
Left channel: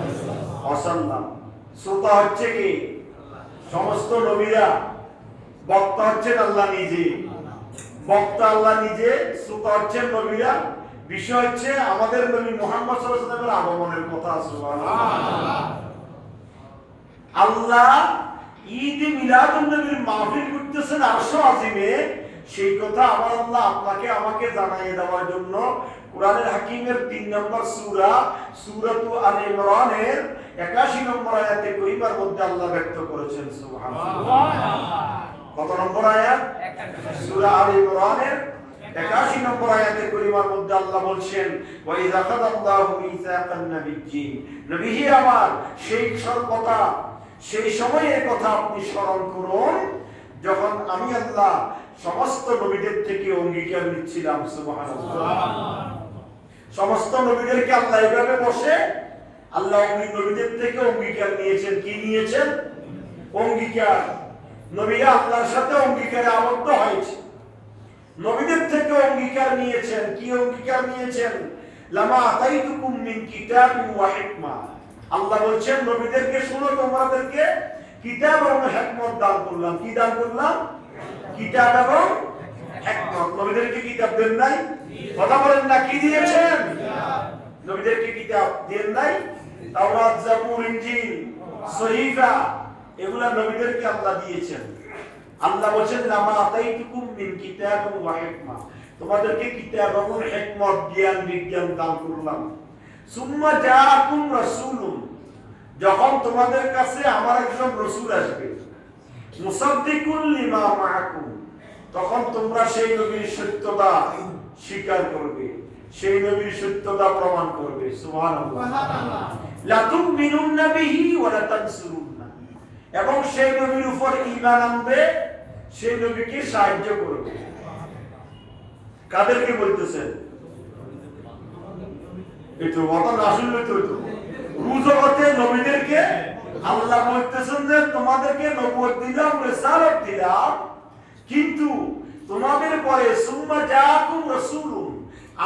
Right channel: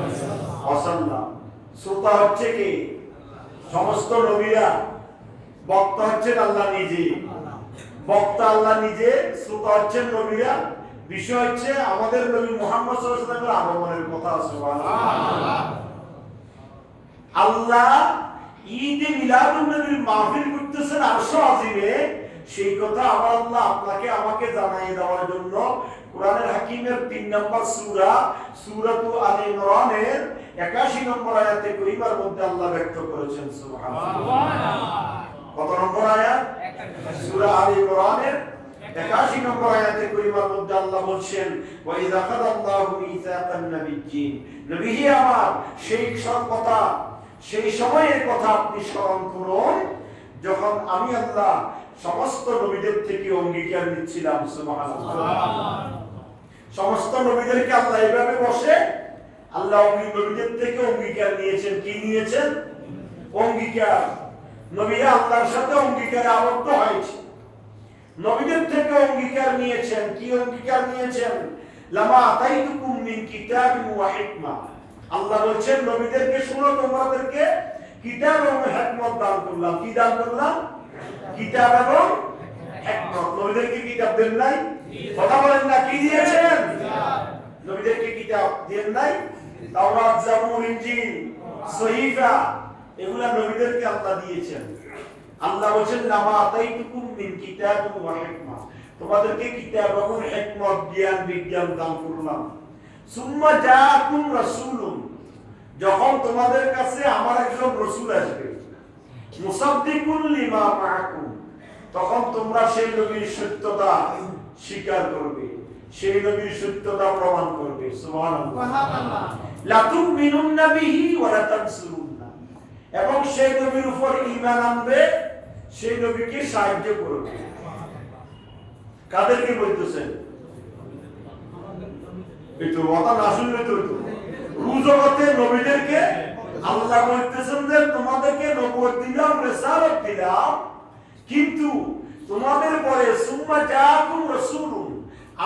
ওয়াসাল্লাম। শ্রোতা হচ্ছে কি? সমস্ত নবীরা। বক্তা হচ্ছেন আল্লাহ নিজে, বক্তা আল্লাহ নিজে, শ্রোতা হচ্ছেন নবীরা। বিষয় হচ্ছে আমাদের নবী মুহাম্মদ সাল্লাল্লাহু আলাইহি ওয়াসাল্লামের আগমনের কথা। সুবহানাল্লাহ। আল্লাহ ঈদ মিলাদুন নবীর মাহফিল করতেছেন আরশ আজিমে, সেই কথা আমার আল্লাহ আপনাকে আমাকে জানিয়ে দেওয়ার জন্য কোরআনের হাকিমের 3 নম্বর সূরা সূরাতু আলে ইমরানের 81 নম্বর আয়াতে করিমার মধ্যে আল্লাহ ব্যক্ত করেছেন। সুবহানাল্লাহ। কত নম্বর আয়াত? সূরা আলে ইমরানের 81 নম্বর আয়াতে করিমার মধ্যে আল্লাহ বলছেন, ওয়া ইযা খাদাল্লাহু মিসাকান নাবিয়্যিন, নবী হে আমার সেই সব কথা, সেই সময়ের কথা আপনি স্মরণ করুন যখন আমি আল্লাহ সমস্ত নবীদের থেকে অঙ্গীকার নিচ্ছিলাম। সুবহানাল্লাহ। সমস্ত নবীদেরকে আল্লাহ এভাবে বসে আল্লাহ নবীদের থেকে অঙ্গীকার নিয়েছেন। কি নিয়েছেন? অঙ্গীকার। নবীরা আল্লাহর সাথে অঙ্গীকারে আবদ্ধ হয়েছে, নবীদের থেকে অঙ্গীকার নিয়েছেন। কি অঙ্গীকার নিয়েছেন? লামা আতাইতুকুম মিন কিতাবিন ওয়া হিকমা। আল্লাহ বলছেন নবীদেরকে শুনো, তোমাদেরকে কিতাব এবং হিকমত দান করলাম। কি দান করলাম? কিতাব এবং হিকমত। নবীদেরকে কিতাব দেন নাই? কথা বলেন না, কি দিয়েছেন? নবীদেরকে কিতাব দেন নাই? তাওরাত, জাবুর, ইনজিল, সহিফা, এগুলা নবীদেরকে আল্লাহ দিয়েছেন। আল্লাহ বলেন লামা আতাইতুকুম মিন কিতাবিন ওয়া হিকমা, তোমাদেরকে কিতাব এবং হিকমত, জ্ঞান বিজ্ঞান দান করলাম। সুম্মা জাআকুম রাসূলুন, যখন তোমাদের কাছে আমার একজন রাসূল আসবে, মুসাদ্দিকুল লিমা মাআকুম, তখন তোমরা সেই নবীর সত্যতা স্বীকার করবে, সেই নবীর সত্যতা প্রমাণ করবে। সুবহানাল্লাহ। লা তুমিনুন্না বিহি ওয়া লা তানসুরুন্না, এবং সেই নবীর উপর ঈমান আনবে, সেই নবীকে সাহায্য করবে। কাদেরকে বলতেছেন? একটু কথা না শুনলে তো রুজগতে নবীদেরকে আল্লাহ বলতেছেন যে তোমাদেরকে নবুয়ত দিলাম, রিসালাত দিলাম, কিন্তু তোমাদের পরে সুম্মা জাআকুম রাসূলুন,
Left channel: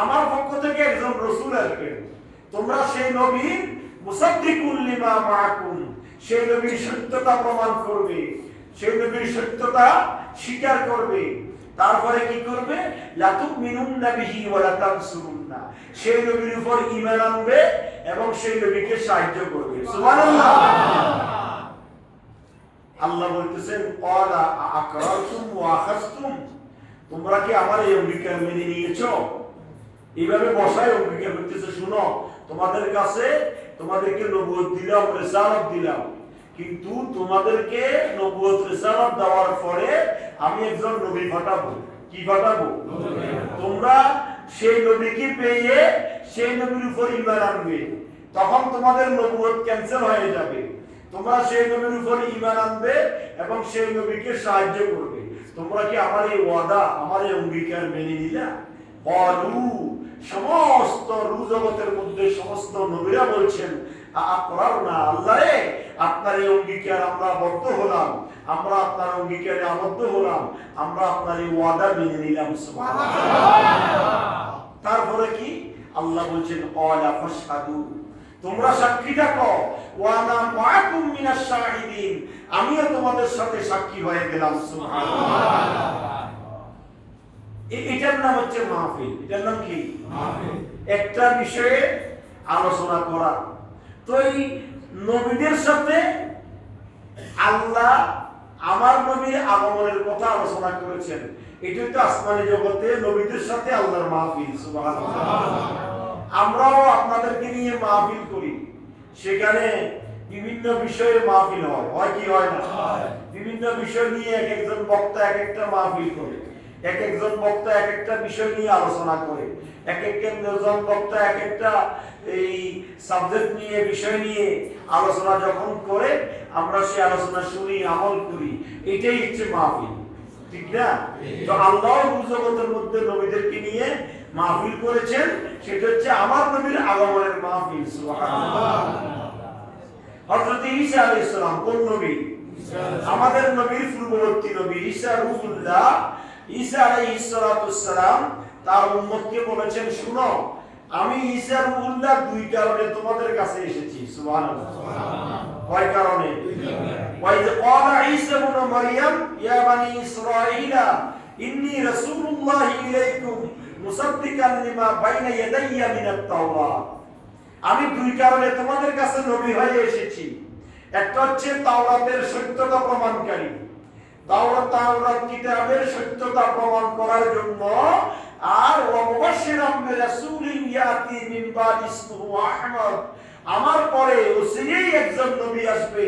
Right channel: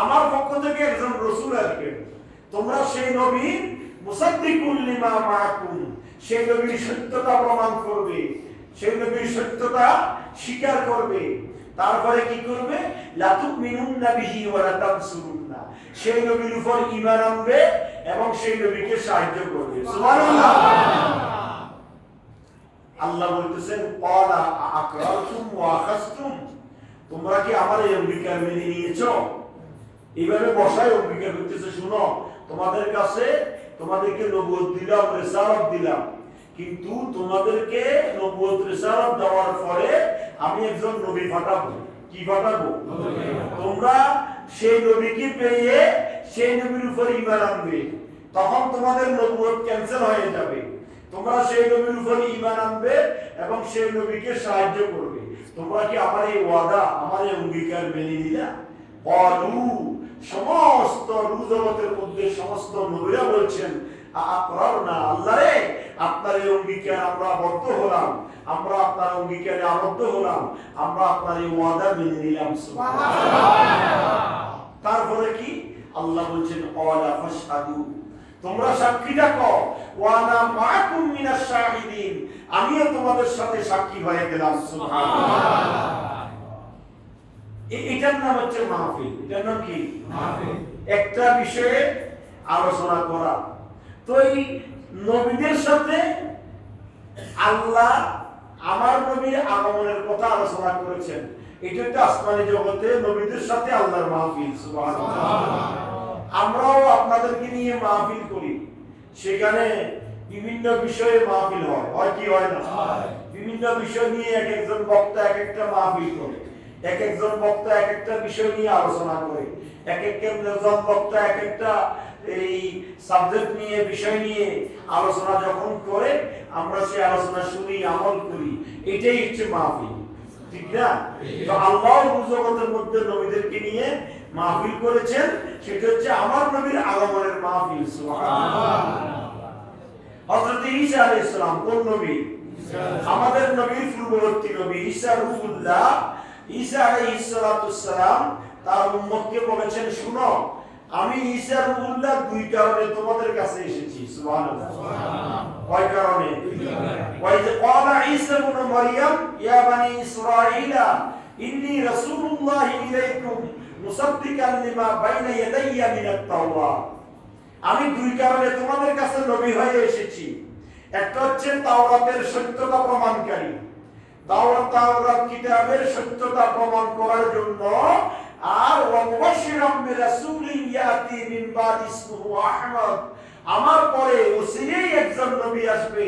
আমার পক্ষ থেকে একজন রাসূল আসবে, তোমরা সেই নবী মুসাদ্দিকুল লিমা মাআকুম, সেই নবীর সত্যতা প্রমাণ করবে, সেই নবীর সত্যতা স্বীকার করবে। তারপরে কি করবে? লা তুমিনুন্না বিহি ওয়া লা তানসুরুন্না, সেই নবীর উপর ঈমান আনবে এবং সেই নবীকে সাহায্য করবে। সুবহানাল্লাহ। আল্লাহ বলতেছেন ক্বালা আকরাতুম ওয়া আখাযতুম, তোমরা কি আমার এই অঙ্গীকার মেনে নিয়েছো? এইভাবে বসায় অঙ্গীকার করতেছে, শুনো তোমাদের কাছে তোমাদেরকে নবুয়ত দিলাম, রিসালাত দিলাম, কিন্তু তোমাদেরকে নবুয়ত রিসালাত দেওয়ার পরে আমি একজন নবী পাঠাবো। কি পাঠাবো? তোমরা সেই নবীকে পেয়ে সেই নবীর উপর ঈমান আনবে, তখন তোমাদের নবুয়ত ক্যান্সেল হয়ে যাবে। তোমরা সেই নবীর উপর ঈমান আনবে এবং সেই নবীকে সাহায্য করবে। তোমরা কি আমার এই ওয়াদা, আমার এই অঙ্গীকার মেনে নিলা? ক্বালু, সমস্ত জগতের মধ্যে সমস্ত নবীরা বলছেন আকরারনা, আল্লাহ রে আপনার এই অঙ্গীকার আমরা বদ্ধ হলাম, আমরা আপনার অঙ্গীকারে আবদ্ধ হলাম, আমরা আপনার এই ওয়াদা মেনে নিলাম। সুবহানাল্লাহ। তারপরে কি আল্লাহ বলছেন ক্বালা ফাশহাদু, তোমরা সাক্ষী থাকো, ওয়া আনা মাআকুম মিনাশ শাহিদিন, আমিও তোমাদের সাথে সাক্ষী হয়ে গেলাম। সুবহানাল্লাহ। এটার নাম হচ্ছে মাহফিল। এটার নাম কি? মাহফিল। একটা বিষয়ে আলোচনা করা। তো এই নবীদের সাথে আল্লাহ আমার নবীর আগমনের কথা আলোচনা করেছেন। এটা তো আসমানি জগতে নবীদের সাথে আল্লাহর মাহফিল। সুবহানাল্লাহ। আমরাও আপনাদেরকে নিয়ে মাহফিল করি, সেখানে বিভিন্ন বিষয়ে মাহফিল হয় কি হয় না? বিভিন্ন বিষয় নিয়ে এক একজন বক্তা এক একটা মাহফিল করে, এক একজন বক্তা এক একটা বিষয় নিয়ে আলোচনা করে, এক একজন বক্তা এক একটা এই সাবজেক্ট নিয়ে বিষয় নিয়ে আলোচনা যখন করে আমরা সেই আলোচনা শুনি, আমল করি, এটাই হচ্ছে মাহফিল, ঠিক না? তো আল্লাহ জগতের মধ্যে নবীদেরকে নিয়ে মাহফিল করেছেন, সেটা হচ্ছে আমার নবীর আগমনের মাহফিল। সুবহানাল্লাহ। হযরত ঈসা আলাইহিস সালাম কোন নবী? আমাদের নবীর পূর্ববর্তী নবী ঈসা রূহুল্লাহ। ঈসা আলাইহিস সালাম তার উম্মতকে বলেছেন, শুনো, আমি ঈসা রূহুল্লাহ দুই কারণে তোমাদের কাছে এসেছি। সুবহানাল্লাহ। কয় কারণে? ওয়া ইয ক্বালা ঈসা ইবনে মারইয়াম ইয়া বানি ইসরাঈলা ইন্নী রাসূলুল্লাহি ইলাইকুম মুসাদ্দিকান লিমা বাইনা ইয়াদাইয়া মিনাত তাওরাত। আমি দুই কারণে তোমাদের কাছে নবী হয়ে এসেছি। একটা হচ্ছে তাওরাতের সত্যতা প্রমাণকারী, তাওরাত কিতাবের সত্যতা প্রমাণ করার জন্য, আর ওয়া মুবাশশিরাম বিরাসূলিন ইয়াতি মিন বাদি ইসমুহু আহমদ, আমার পরে ওসিরেই একজন নবী আসবে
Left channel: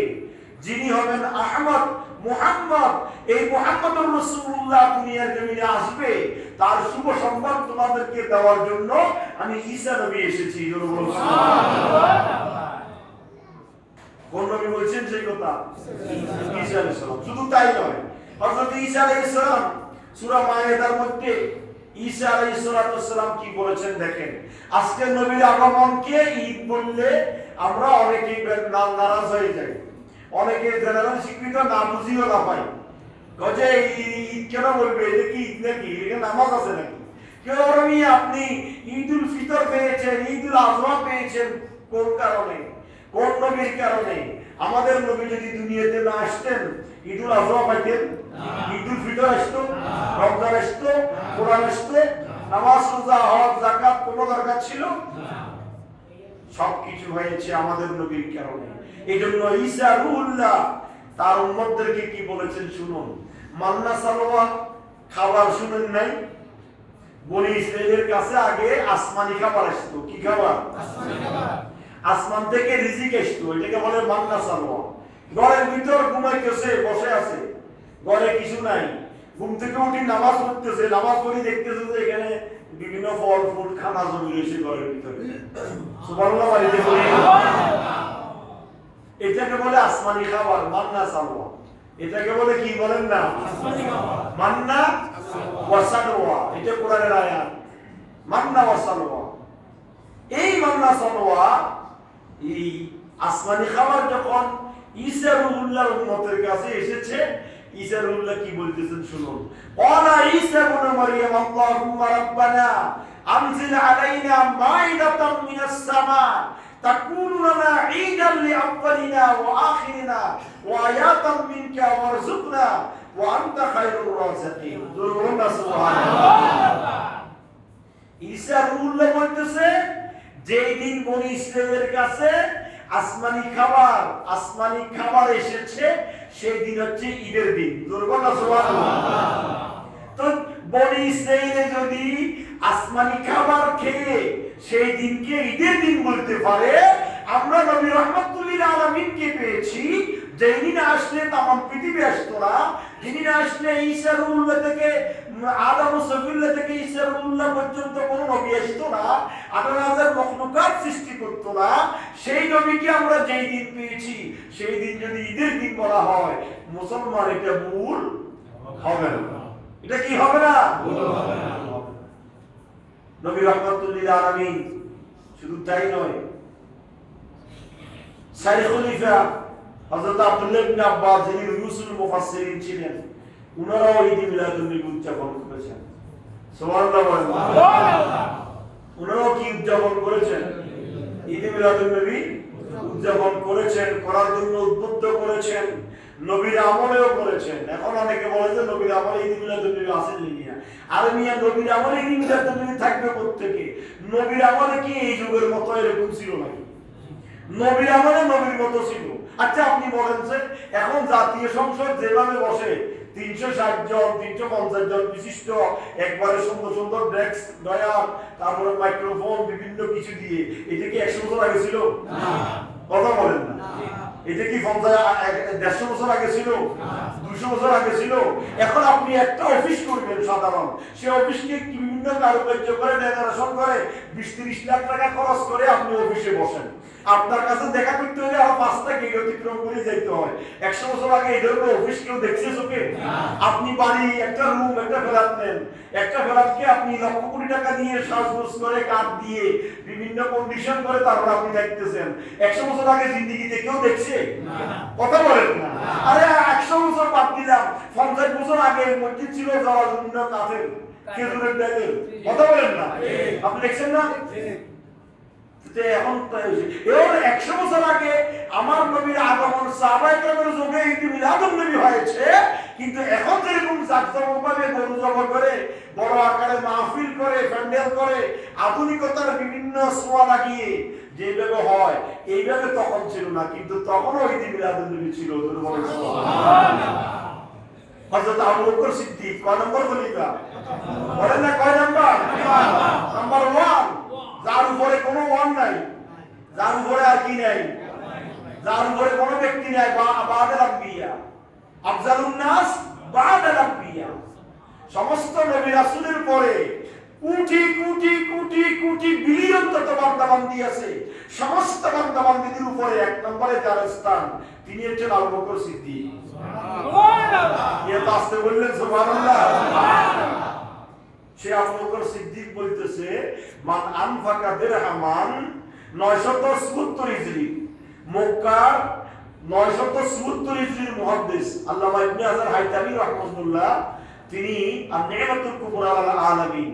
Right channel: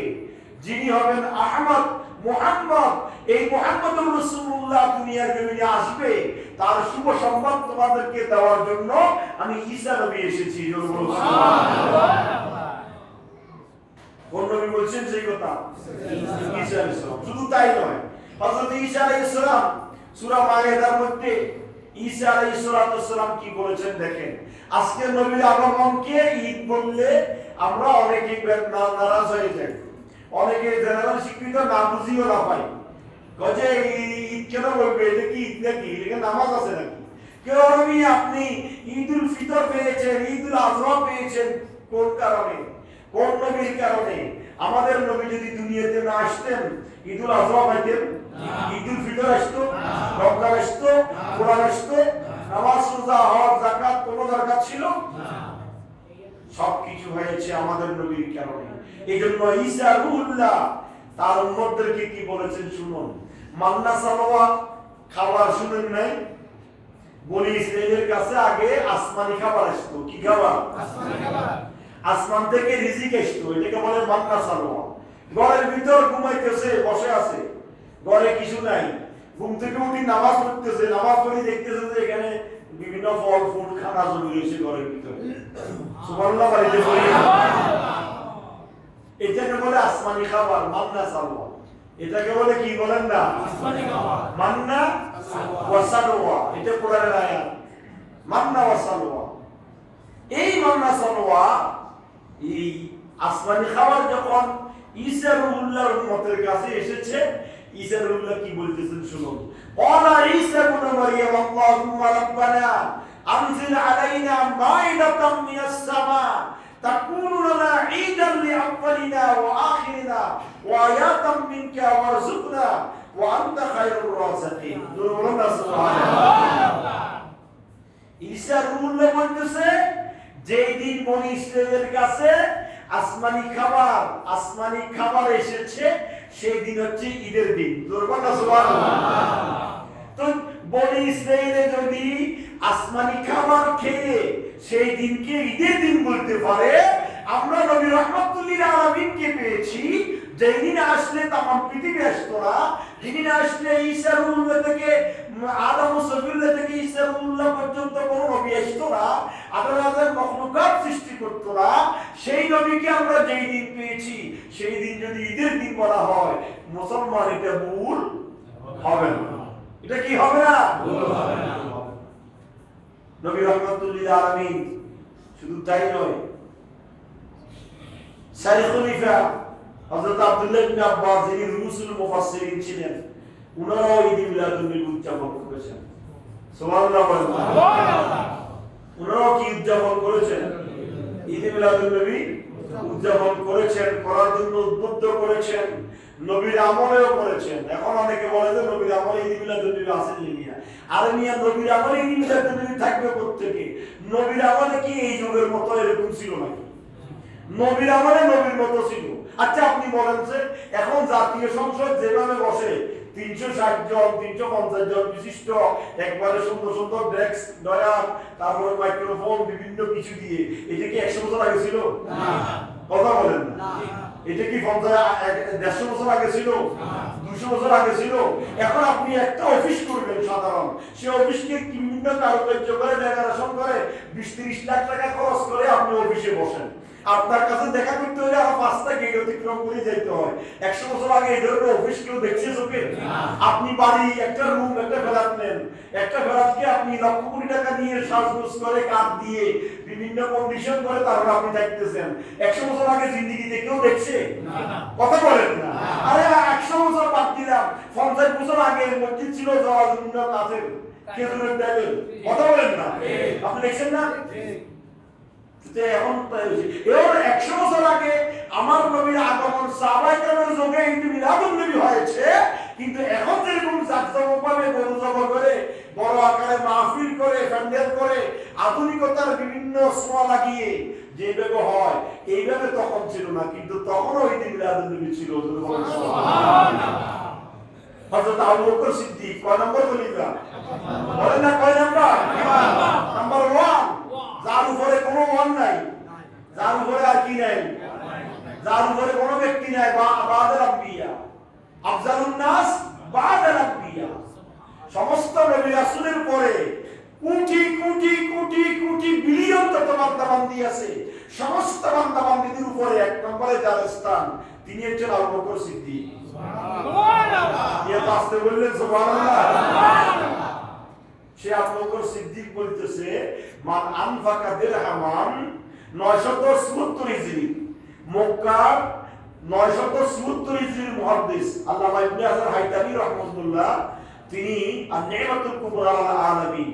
যিনি হবেন আহমদ, মুহাম্মদ। এই মুহাম্মদুর রাসূলুল্লাহ দুনিয়ার জমিনে আসবে, তার শুভ সংবাদ তোমাদেরকে দেওয়ার জন্য আমি ঈসা নবী এসেছি। সুবহানাল্লাহ। কোন নবী বলছেন সেই কথা? ঈসা আলাইহিস সালাম। শুধু তাই নয়, হযরত ঈসা আলাইহিস সালাম সূরা মায়েদার মধ্যে ঈসা আলাইহিস সালাম কি বলেছেন দেখেন। আজকে নবীর আগমনকে ঈদ বললে আমরা অনেকেই নারাজ হয়ে যাই, অনেকে জেনারেল শিক্ষিত না বুঝিও না পাই, যে ঈদ কেন বলবে, এটা কি ঈদ নাকি, এটা নামাজ আছে নাকি? কেউ আমি আপনি ঈদুল ফিতর পেয়েছেন, ঈদুল আজহা পেয়েছেন কোন কারণে? কোন নবীর কারণে? আমাদের নবী যদি দুনিয়াতে না আসতেন ঈদুল আজহা পাইতেন? ঈদুল ফিতর আসতো? রমজান আসতো? কোরআন আসতো? নামাজ, রোজা, হজ, যাকাত কোনো দরকার ছিল? সবকিছু হয়েছে আমাদের নবীর কারণে। এইজন্য ঈসা রূহুল্লাহ তার উম্মতদেরকে কি বলেছেন শুনুন। মান্না সালাওয়া খাবার শুনেন নাই? বনি ইসরাইলের কাছে আগে আসমানি খাবার আসতো। কি খাবার? আসমানি খাবার। আসমান থেকে রিজিক আসতো, এটাকে বলে মান্না সালাওয়া। ঘরের ভিতর ঘুমাইতেছে, বসে আছে, ঘরে কিছু নাই, ঘুম থেকে উঠে নামাজ পড়তেছে, নামাজ পড়ে দেখতেছে যে এখানে বিভিন্ন ফল ফুল খানা জমি রয়েছে ঘরের ভিতরে। সুবহানাল্লাহ। বাড়িতে বলি এটাকে বলে আসমানি খাবার, মান্না সালাওয়া। এটাকে বলে কি বলেন না? আসমানি খাবার, মান্না ওয়া সালাওয়া। এটা কোরআনের আয়াত, মান্না ওয়া সালাওয়া। এই মান্না সালাওয়া, এই আসমানি খাবার যখন ঈসা রূহুল্লাহর উম্মতের কাছে এসেছে, ঈসা রূহুল্লাহ কি বলতেছেন শুনুন। ক্বালা ঈসা ইবনে মারইয়াম আল্লাহুম্মা রাব্বানা আনজিল আলাইনা মাইদাতাম মিনাস সামা তাকুনু লানা ঈদান লিআওয়ালিনা ওয়া আখিরিনা ওয়া আয়াতাম মিনকা ওয়ারযুকনা ওয়া আনতা খায়রুর রাযিকিন। সুবহানাল্লাহ। ঈসা রূহুল্লাহ বলতেছে, যেই দিন বনি ইসরাইলের কাছে আসমানি খাবার এসেছে, সেই দিন হচ্ছে ঈদের দিন। সুবহানাল্লাহ। তো বনি ইসরাইলে যদি আসমানি খাবার খেয়ে সেই দিনকে ঈদের দিন বলতে পারে, আমরা নবী রাহমাতুল লিল আলামিনকে পেয়েছি, যেই দিন আসলে তামাম পৃথিবী আসতো না, যিনি আসলে ঈসা রূহুল্লাহ থেকে আদম সফিউল্লাহ থেকে ঈসা রূহুল্লাহ পর্যন্ত কোনো নবী আসতো না, 18,000 মখলুকাত সৃষ্টি করতো না, সেই নবীকে আমরা যেই দিন পেয়েছি, সেই দিন যদি ঈদের দিন বলা হয়, মুসলমান এটা ভুল হবে না। এটা কি হবে না? ভুল হবে না। নবী রাহমাতুল লিল আলামিন শুধু তাই নয়, সারি খলিফা হযরত আব্দুল্লাহ ইবনে আব্বাস, যিনি রুসুল মুফাসসিরিন ছিলেন, উনারাও ঈদ মিলাদুন নবী উদযাপন করেছেন। সুবহানাল্লাহ বলেন। সুবহানাল্লাহ। উনারাও কি উদযাপন করেছেন? ঈদ মিলাদুন নবী উদযাপন করেছেন, করার জন্য উদ্বুদ্ধ করেছেন, নবীর আমলেও করেছেন। এখন অনেকে বলে যে নবীর আমলে ঈদ মিলাদুন নবী আসেন মিয়া। আরে মিয়া, নবীর আমলে ঈদ মিলাদুন নবী থাকবে প্রত্যেকে। নবীর আমলে কি এই যুগের মতো এরকম ছিল নাকি? নবীর আমলে নবীর মতো ছিল। আচ্ছা আপনি বলেন যে এখন জাতীয় সংসদ যেভাবে বসে 360 জন 350 জন বিশিষ্ট একবারে সুন্দর সুন্দর ডেস্ক ডয়ার, তারপরে মাইক্রোফোন বিভিন্ন কিছু দিয়ে, এটা কি 100 বছর আগে ছিল? না। কথা বলেন না। এটা কি 150 বছর আগে ছিল? 200 বছর আগে ছিল? এখন আপনি একটা অফিস করবেন সাধারণ, সেই অফিসকে বিভিন্ন কারুকার্য করে ডেকোরেশন করে 20-30 লাখ টাকা খরচ করে আপনি অফিসে বসেন। আপনার কাছে দেখা করতে হলে আরো 5টা গেট অতিক্রম করে যেতে হয়। 100 বছর আগে এই ধরনের অফিস কেউ দেখছে চোখে? আপনি বাড়ি একটা রুম একটা ফ্ল্যাট নেন, একটা ফ্ল্যাটকে আপনি লক্ষ কোটি টাকা দিয়ে সাজগোজ করে কাঠ দিয়ে বিভিন্ন কন্ডিশন করে তারপর আপনি দেখতেছেন। 100 বছর আগে জিন্দেগিতে কেউ দেখছে? কথা বলেন না। আরে 100 বছর বাদ দিলাম, 50 বছর আগে মসজিদ ছিল যাওয়ার জন্য কাঠের খেজুরের ডালের। কথা বলেন না। আপনি দেখছেন না? এখন 100 বছর আগে আমার নবীর আগমন সাহাবায়ে কেরামের যুগে ঈদ মিলাদুন নবী হয়েছে, কিন্তু এখন যেরকম জাঁকজমকভাবে গরু জবাই করে বড় আকারে মাহফিল করে প্যান্ডেল করে আধুনিকতার বিভিন্ন ছোঁয়া লাগিয়ে যেভাবে হয় এইভাবে তখন ছিল না। কিন্তু তখনও ঈদ মিলাদুন নবী ছিল। সুবহানাল্লাহ। হযরত আবু বকর সিদ্দিক কয় নম্বর খলিফা? বলেন না কয় নাম্বার? নাম্বার 1। যার উপরে কোনো ওয়ান নাই, যার উপরে আর কি নাই, যার উপরে কোনো ব্যক্তি নাই। বাদাল আম্বিয়া আফজালুন নাস বাদাল আম্বিয়া। সমস্ত নবী রাসূলের পরে কোটি কোটি কোটি কোটি বিলিয়ন তত বান্দাবান্দি আছে। সমস্ত বান্দাবান্দিদের উপরে এক নম্বরে যার স্থান, তিনি হচ্ছেন আবু বকর সিদ্দিক। সুবহানাল্লাহ। এর আসতে বললেন সুবহানাল্লাহ। সে আবু বকর সিদ্দিক বলতেছে, মান আনফাকা দিরহামান 977 হিজরি, মক্কা 977 হিজরির মুহাদ্দিস আল্লামা ইবনে হাজার হাইতামি রাহমাতুল্লাহ, তিনি আন-নি'মাতুল কুবরা আল আলামী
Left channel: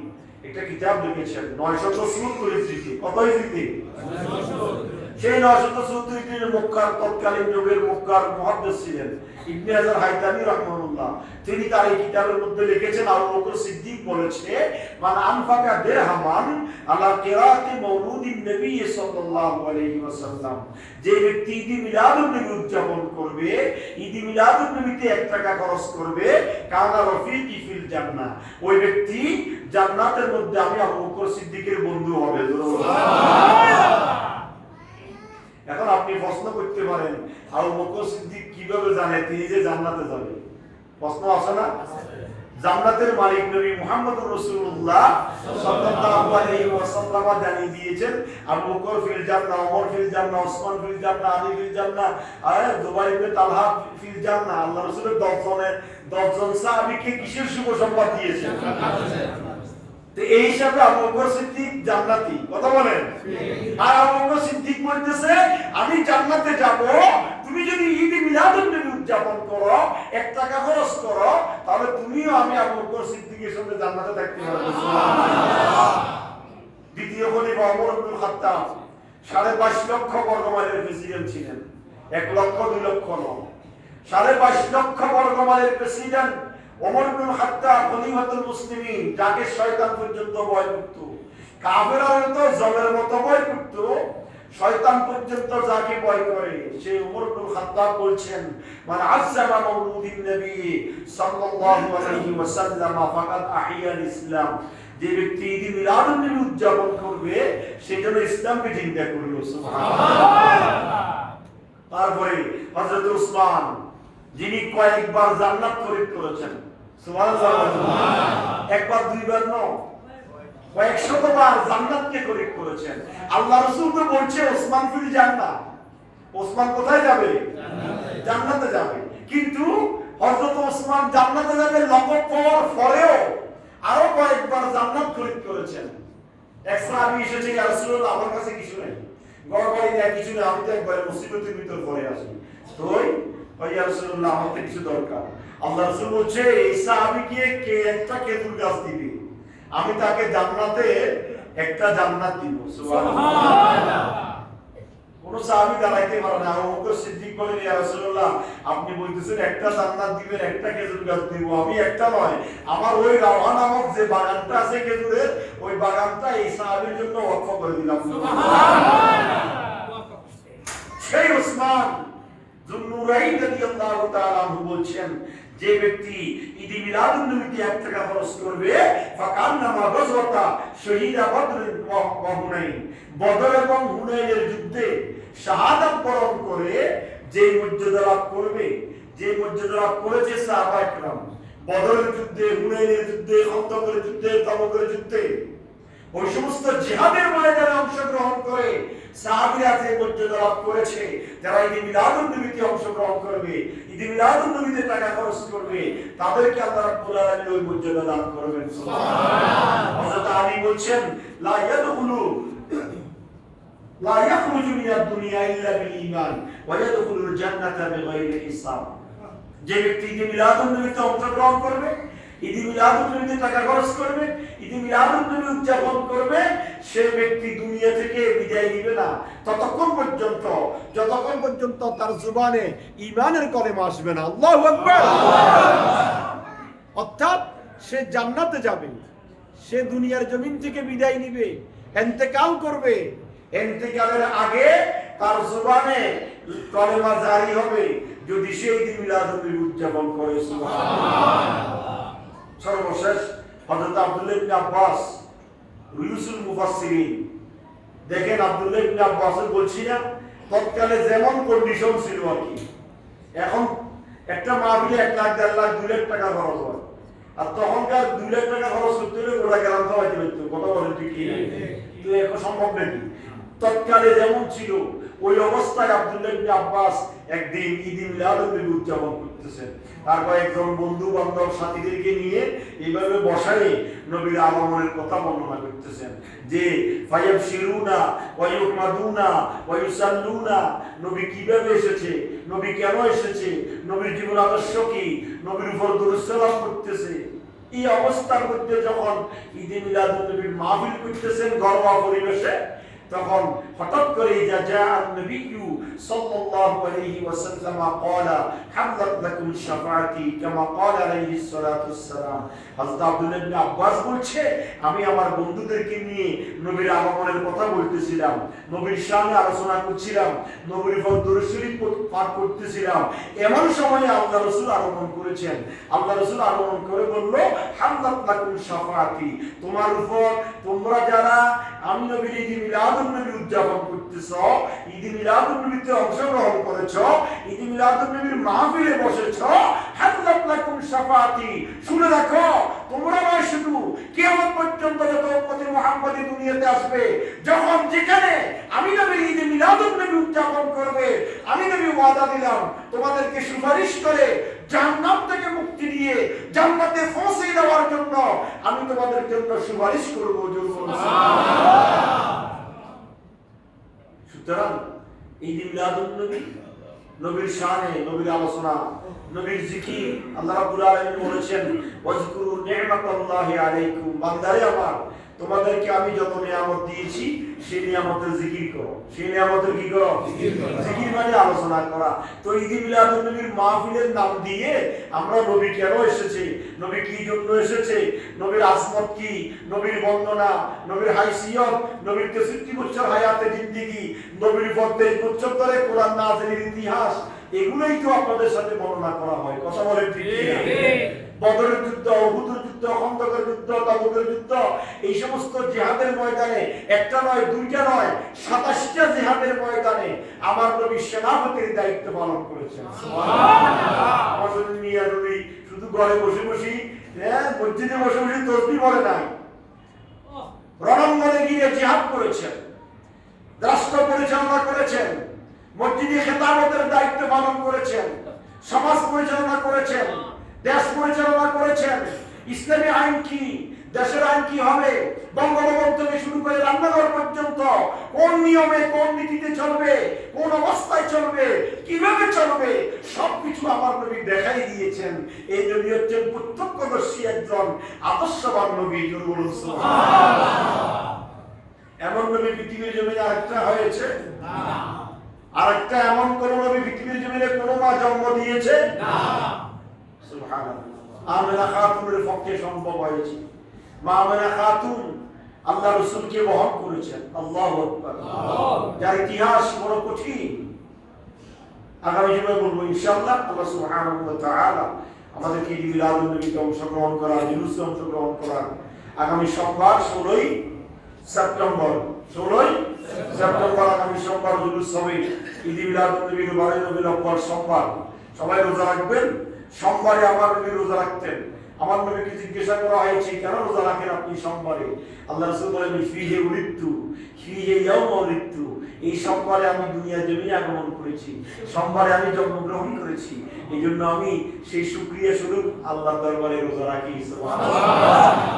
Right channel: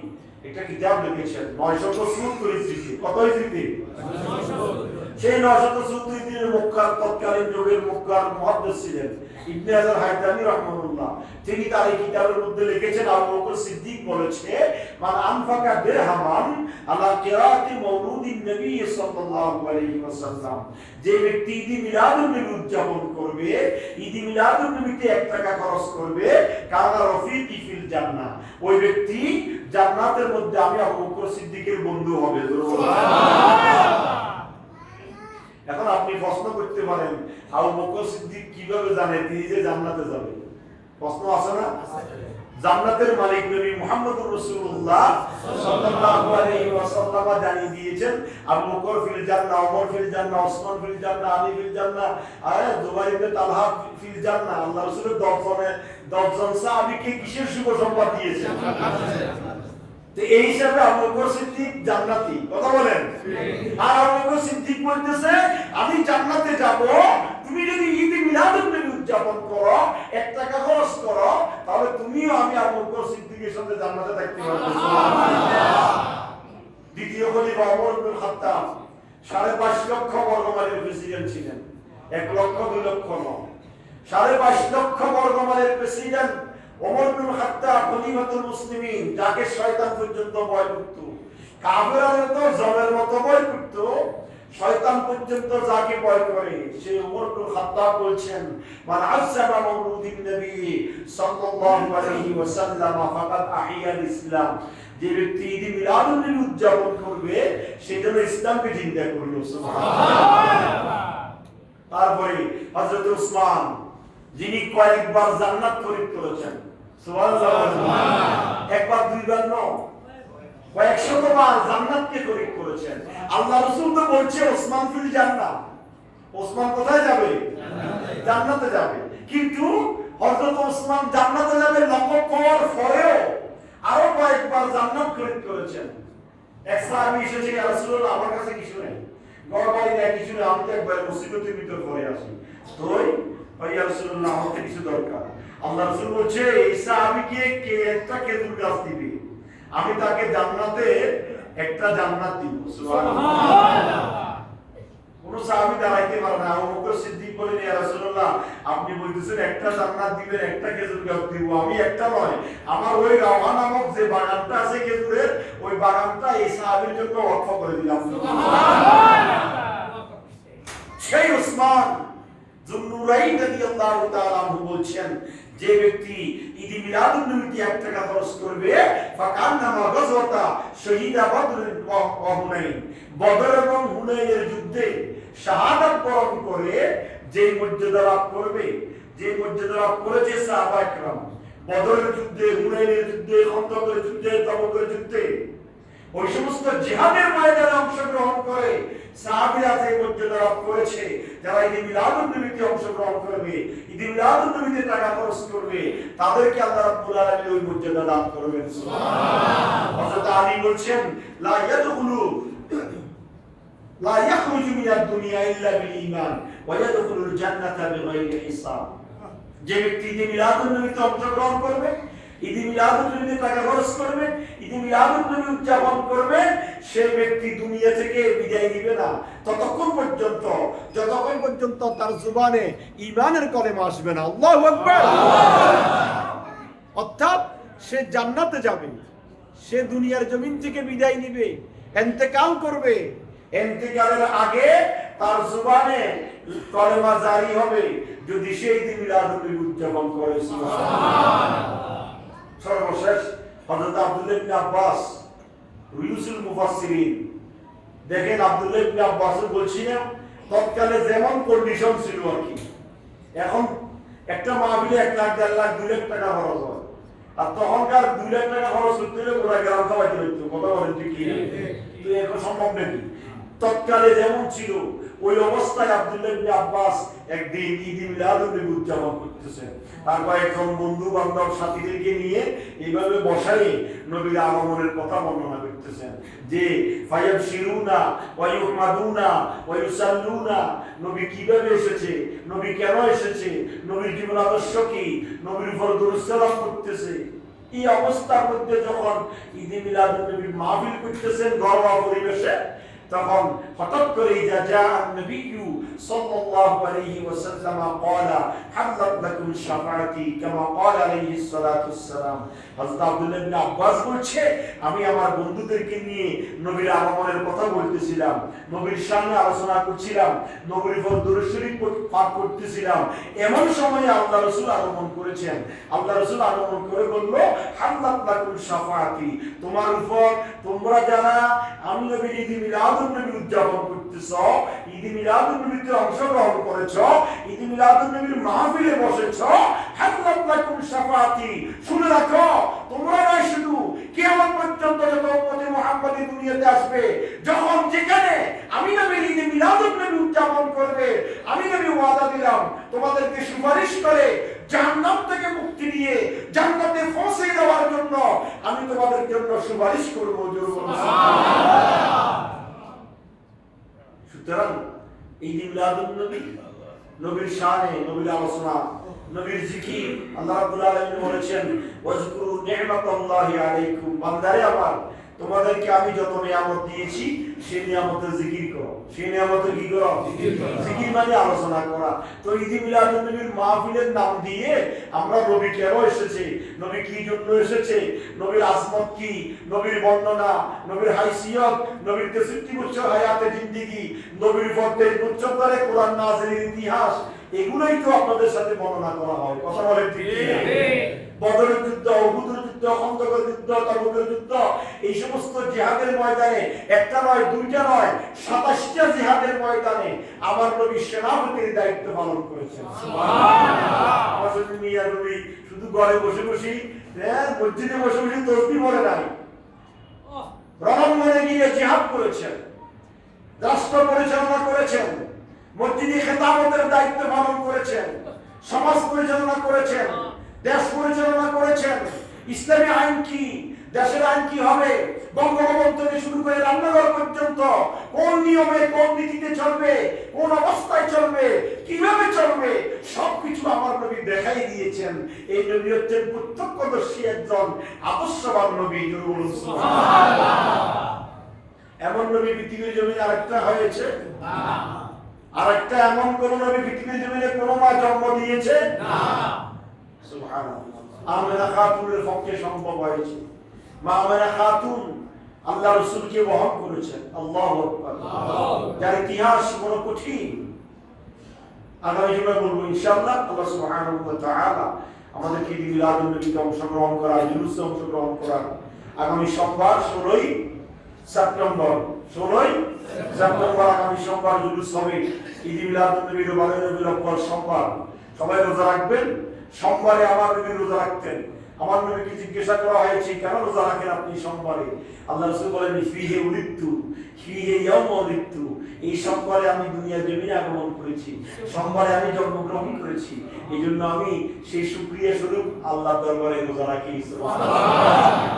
একটা কিতাব লিখেছেন 977 হিজরিতে। কত হিজরিতে? 977। সেই 977 হিজরির মক্কার তৎকালীন যুগের মক্কার মুহাদ্দিস ছিলেন ইবনে হাজার হাইতামি রাহমাতুল্লাহ। তিনি তার এই কিতাবের মধ্যে লিখেছেন, আবু বকর সিদ্দিক বলেছে, মান আনফাকা দিরহামান আলা কিরাতি মাউলুদিন নবী সাল্লাল্লাহু আলাইহি ওয়াসাল্লাম, যে ব্যক্তি ঈদ মিলাদুন নবী উদযাপন করবে, ঈদ মিলাদুন নবীতে 1 টাকা খরচ করবে, কানা রফিকি ফিল জান্নাহ, ওই ব্যক্তি জান্নাতের মধ্যে আমি আবু বকর সিদ্দিকের বন্ধু হবে। সুবহানাল্লাহ। এখন আপনি প্রশ্ন করতে পারেন, আবু বকর সিদ্দিক কিভাবে জানে তিনি যে জান্নাতে যাবে? প্রশ্ন আছে না? জান্নাতের মালিক নবী মুহাম্মদুর রাসূলুল্লাহ সাল্লাল্লাহু আলাইহি ওয়াসাল্লাম জানিয়ে দিয়েছেন, আবু বকর ফিল জান্নাহ, ওমর ফিল জান্নাহ, ওসমান ফিল জান্নাহ, আলী ফিল জান্নাহ, আর জুবাইর ইবনে তালহা ফিল জান্নাহ। আল্লাহ রাসূলের 10 জন সাহাবীকে কিসের শুভ সংবাদ দিয়েছেন? তো এই হিসাবে আবু বকর সিদ্দিক জান্নাতি। কথা বলেন। আর আবু বকর সিদ্দিক বলতেছে, আমি জান্নাতে যাব, তুমি যদি ঈদ মিলাদুন নবী উদযাপন করো, 1 টাকা খরচ করো, তাহলে তুমিও আমি আবু বকর সিদ্দিকের সাথে জান্নাতে থাকতে পারবে। সুবহানাল্লাহ। দ্বিতীয় খলিফা ওমর ইবনে খাত্তাব 22.5 লক্ষ বর্গ মাইলের প্রেসিডেন্ট ছিলেন। 1 লক্ষ 2 লক্ষ নয়, 22.5 লক্ষ বর্গ মাইলের প্রেসিডেন্ট ওমর ইবনে খাত্তাব খলিফাতুল মুসলিমিন, যাকে শয়তান পর্যন্ত ভয় করত। কাফেররা তো জলের মতো ভয় করত, শয়তান পর্যন্ত যাকে ভয় করে। সে ওমর ইবনে খাত্তাব বলছেন, মান আযযামা মাউলুদিন নবী সাল্লাল্লাহু আলাইহি ওয়াসাল্লাম ফাকাদ আহিয়াল ইসলাম, যে ব্যক্তি ঈদ মিলাদুন নবী উদযাপন করবে সে যেন ইসলামকে জিন্দা করলো। সুবহানাল্লাহ। তারপরে হযরত উসমান, যিনি কয়েকবার জান্নাত খরিদ করেছেন। সুবহানাল্লাহ। একবার দুইবার নয়, কয়েকশতবার জান্নাতকে খরিদ করেছেন। আল্লাহ রাসূল তো বলছে ওসমান ফিল জান্নাহ, ওসমান কোথায় যাবে? জান্নাতে যাবে। কিন্তু হযরত ওসমান জান্নাতে যাবে লক্ষ্য পাওয়ার পরেও আরো কয়েকবার জান্নাত খরিদ করেছেন। এক সাহাবী এসেছে, ইয়া রাসূলুল্লাহ, আমার কাছে কিছু নেই, গড়বাড়ি নেই, কিছু নেই, আমি তো একবার মুসিবতের ভিতর পড়ে আছি, তো ইয়া রাসূলুল্লাহ আমাকে কিছু দরকার। আল্লাহ রাসূল বলছে, এই সাহাবীকে কে একটা খেজুর গাছ দিবে, আমি তাকে জান্নাতে একটা জান্নাত দিব। সুবহানাল্লাহ। কোন সাহাবী দাঁড়াইতে পারে না। আবু বকর সিদ্দিক বলেন, ইয়া রাসূলুল্লাহ, আপনি বলতেছেন একটা জান্নাত দিবেন, একটা খেজুর গাছ দিব। আমি একটা নয়, আমার ওই রাওহা নামক যে বাগানটা আছে খেজুরের, ওই বাগানটা এই সাহাবীর জন্য ওয়াকফ করে দিলাম। সুবহানাল্লাহ। সেই উসমান যুন্নুরাইন রাদিয়াল্লাহু তাআলা আনহু বলছেন, যে ব্যক্তি ঈদ মিলাদুন নবীতে 1 টাকা খরচ করবে, ফাকান্নামা গাজওয়াতা শহীদা বদর ওয়া হুনাইন, বদর এবং হুনাইনের যুদ্ধে শাহাদাত বরণ করে যে মর্যাদা লাভ করবে, যে মর্যাদা লাভ করেছে সাহাবা একরাম বদরের যুদ্ধে, হুনাইনের যুদ্ধে, খন্দকের যুদ্ধে, তাবুকের যুদ্ধে, ওই সমস্ত জিহাদের ময়দানে অংশগ্রহণ করে সাহাবীরা যে মর্যাদা লাভ করেছে, যারা ঈদ মিলাদুন নবীতে অংশগ্রহণ করবে, ঈদ মিলাদুন নবীতে টাকা খরচ করবে, তাদেরকে আল্লাহ রাব্বুল আলামিন ওই মর্যাদা দান করবেন। সুবহানাল্লাহ। হযরত আলী বলছেন, লা ইয়াদখুলু লা ইয়াখরুজু মিনাদ দুনিয়া ইল্লা বিল ঈমান ওয়া ইয়াদখুলুল জান্নাতা বিগাইরি হিসাব। যে ব্যক্তি ঈদ মিলাদুন নবীতে অংশগ্রহণ করবে, ঈদ মিলাদুন নবীতে টাকা খরচ করবে, ঈদ মিলাদুন নবী উদযাপন করবে, সে ব্যক্তি দুনিয়া থেকে বিদায় নিবে না ততক্ষণ পর্যন্ত যতক্ষণ পর্যন্ত তার জবানে ঈমানের কলেমা আসবে না। আল্লাহু আকবার। অর্থাৎ সে জান্নাতে যাবে, সে দুনিয়ার জমিন থেকে বিদায় নিবে, ইন্তেকাল করবে, ইন্তেকালের আগে তার জবানে কলেমা জারি হবে যদি সে ঈদ মিলাদুন নবী উদযাপন করে। সুবহানাল্লাহ। সর্বশেষ হযরত আব্দুল্লাহ ইবনে আব্বাস রুয়ুসুল মুফাসসিরিন, দেখেন আব্দুল্লাহ ইবনে আব্বাস বলছি না, তৎকালে যেমন কন্ডিশন ছিল আর কি, এখন একটা মাহফিলে 1 লাখ 1.5 লাখ 2 লাখ টাকা খরচ হয়, আর তখনকার 2 লাখ টাকা খরচ করতে হলে গোড়া গ্রাম সবাই হইতো, কথা বলে ঠিক কি? তো এখন সম্ভব নাকি? তৎকালে যেমন ছিল ওই অবস্থায় আব্দুল্লাহ ইবনে আব্বাস একদিন ঈদ মিলাদুন নবী উদযাপন করতেছেন, তার কয়েকজন বন্ধু বান্ধব সাথীদেরকে নিয়ে এইভাবে বসায় নবীর আগমনের কথা বর্ণনা করতেছেন, যে ফায়াবশিরুনা ওয়া ইউহমাদুনা ওয়া ইউসাল্লুনা, নবী কিভাবে এসেছে, নবী কেন এসেছে, নবীর জীবন আদর্শ কি, নবীর উপর দরুদ সালাম করতেছে। এই অবস্থার মধ্যে যখন ঈদ মিলাদুন নবীর মাহফিল করতেছেন ঘরোয়া পরিবেশে, তখন হঠাৎ করে যা নবী সাল্লাল্লাহু আলাইহি ওয়াসাল্লাম قال حلت لكم الشفاعتي كما قال عليه الصلاه والسلام। হযরত আব্দুল্লাহ ইবনে আব্বাস বলছে, আমি আমার বন্ধুদেরকে নিয়ে নবীর আগমনের কথা বলতেছিলাম, নবীর সামনে আলোচনা করছিলাম, নবীর উপর দরুদ শরীফ পাঠ করতেছিলাম, এমন সময় আল্লাহ রাসূল আগমন করেছেন। আল্লাহ রাসূল আগমন করে বলল, হাল্লাত লাকুম শাফাআতি, তোমার উপর তোমরা যারা আমি নবীর ঈদ মিলাদুন নবী উদযাপন করতেছো, ঈদ মিলাদুন নবীতে অংশগ্রহণ করেছো, ঈদ মিলাদুন নবীর মাহফিলে বসেছো, হাল্লাত লাকুম শাফাআতি, শুনে রাখো তোমরা নয় শুধু কিয়ামত পর্যন্ত যত উম্মতে মুহাম্মাদি দুনিয়াতে আসবে, যখন যেখানে আমি নবীর ঈদ মিলাদুন নবী উদযাপন করবে, আমি নবী ওয়াদা দিলাম তোমাদেরকে সুপারিশ করে জান্নাত থেকে মুক্তি দিয়ে জান্নাতে পৌঁছে দেওয়ার জন্য আমি তোমাদের জন্য সুপারিশ করব। সুবহানাল্লাহ। সুতরাং ঈদ মিলাদুন নবী, নবীর শানে, নবীর আলোচনা, নবীর জিকির, আল্লাহ রাব্বুল আলামিন বলেছেন, ওয়াজকুরু নি'মাতাল্লাহি আলাইকুম, বান্দারে আমার তোমাদেরকে আমি যত নিয়ামত দিয়েছি সেই নিয়ামতের জিকির করো। সেই নিয়ামতের কি করো? জিকির মানে আলোচনা করা। তো ঈদ মিলাদুন নবীর মাহফিলের নাম দিয়ে আমরা নবী কেন এসেছে, নবী কি জন্য এসেছে, নবীর আজমত কি, নবীর বর্ণনা, নবীর হাইসিয়ত, নবীর 63 বছর হায়াতে জিন্দেগি, নবীর পথে উচ্চতরে কোরআন নাযিলের ইতিহাস, এগুলোই তো আপনাদের সাথে বর্ণনা করা হয়। কথা বলেন ঠিক কি? বদরের যুদ্ধ, উহুদের যুদ্ধ, খন্দকের যুদ্ধ, তাবুকের যুদ্ধ, এই সমস্ত জিহাদের ময়দানে একটা নয়, দুইটা নয়, 27টা জিহাদের ময়দানে আমার নবী সেনাপতির দায়িত্ব পালন করেছেন। সুবহানাল্লাহ। আমাদের মিয়া নবী শুধু ঘরে বসে বসে, মসজিদে বসে বসে তাসবিহ পড়ে নাই, রণাঙ্গনে গিয়ে জিহাদ করেছেন, রাষ্ট্র পরিচালনা করেছেন, মসজিদে খেতাবতের দায়িত্ব পালন করেছেন, সমাজ পরিচালনা করেছেন, দেশ পরিচালনা করেছেন। ইসলামী আইন কি, দেশের আইন কি হবে, বঙ্গবন্ধু থেকে শুরু করে রান্নাঘর পর্যন্ত কোন নিয়মে কোন নীতিতে চলবে, কোন অবস্থায় চলবে, কিভাবে চলবে, সবকিছু আমার নবী দেখাই দিয়েছেন। এই নবী হচ্ছেন প্রত্যক্ষদর্শী একজন আদর্শবান নবী। সুবহানাল্লাহ। এমন নবী পৃথিবীর জমিনে আরেকটা হয়েছে না। আর একটা এমন কোন নবী পৃথিবীর জমিনে কোন মা জন্ম দিয়েছে না। সুবহানাল্লাহ। আমেনা খাতুনের পক্ষে সম্ভব হয়েছে। মা আমেনা খাতুন আল্লাহ রাসূলকে বহন করেছেন। আল্লাহু আকবার। যার ইতিহাস বড় কঠিন। আগামী জুমা বলবো ইনশাআল্লাহ। আল্লাহ সুবহানাহু ওয়া তাআলা আমাদেরকে ঈদ মিলাদুন নবীতে অংশগ্রহণ করা, জুলুসে অংশগ্রহণ করা। আগামী সোমবার 16 সেপ্টেম্বর আগামী সোমবার জুলুস হবে। ঈদ মিলাদুন নবীর 12 রবিউল আউয়াল সোমবার। সবাই রোজা রাখবেন। সোমবারে আমার নবী রোজা রাখতেন। আমার নবীকে জিজ্ঞাসা করা হয়েছে কেন রোজা রাখেন আপনি সোমবারে? আল্লাহ রাসূল বলেন ফিহি উলিদতু ফিহি ইয়াউমা উলিদতু, এই সোমবারে আমি দুনিয়া জমিনে আগমন করেছি, সোমবারে আমি জন্মগ্রহণ করেছি, এইজন্য আমি সেই শুকরিয়া স্বরূপ আল্লাহর দরবারে রোজা রাখি। সুবহানাল্লাহ।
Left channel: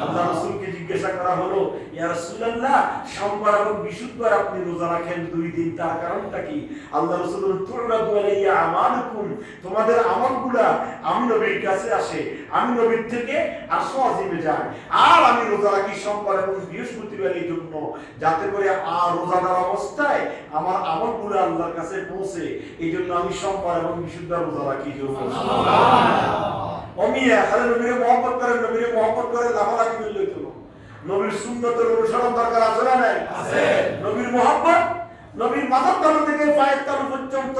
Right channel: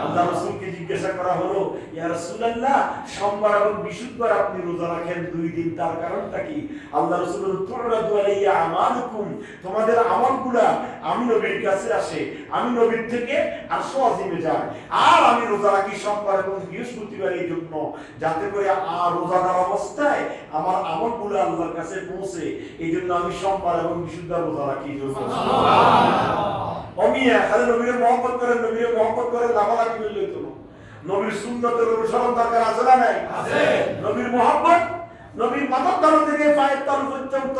আল্লাহ রাসূলকে জিজ্ঞাসা করা হলো ইয়া রাসূলুল্লাহ সোমবার এবং বৃহস্পতিবার আপনি রোজা রাখেন 2 দিন, তার কারণটা কি? আল্লাহ রাসূল বলেন তুরাদু আলাইয়া আমালুকুম, তোমাদের আমলগুলা আমি নবীর কাছে আসে, আমি নবীর থেকে আরশ আজিমে যায়, আর আমি রোজা রাখি সোমবার এবং বৃহস্পতিবার এই জন্য যাতে করে রোজাদার অবস্থায় আমার আমলগুলো আল্লাহর কাছে পৌঁছে, এই জন্য আমি সোমবার এবং বৃহস্পতিবার রোজা রাখি। সুবহানাল্লাহ। ওমিয়া খালি নবীর মহব্বত করেন, নবীর মহব্বত করে লাফালাফি করলে তো নবীর সুন্নতের অনুসরণ দরকার আছে না নাই? আছে। নবীর মহব্বত, নবীর মাথার তালু থেকে পায়ের তালু পর্যন্ত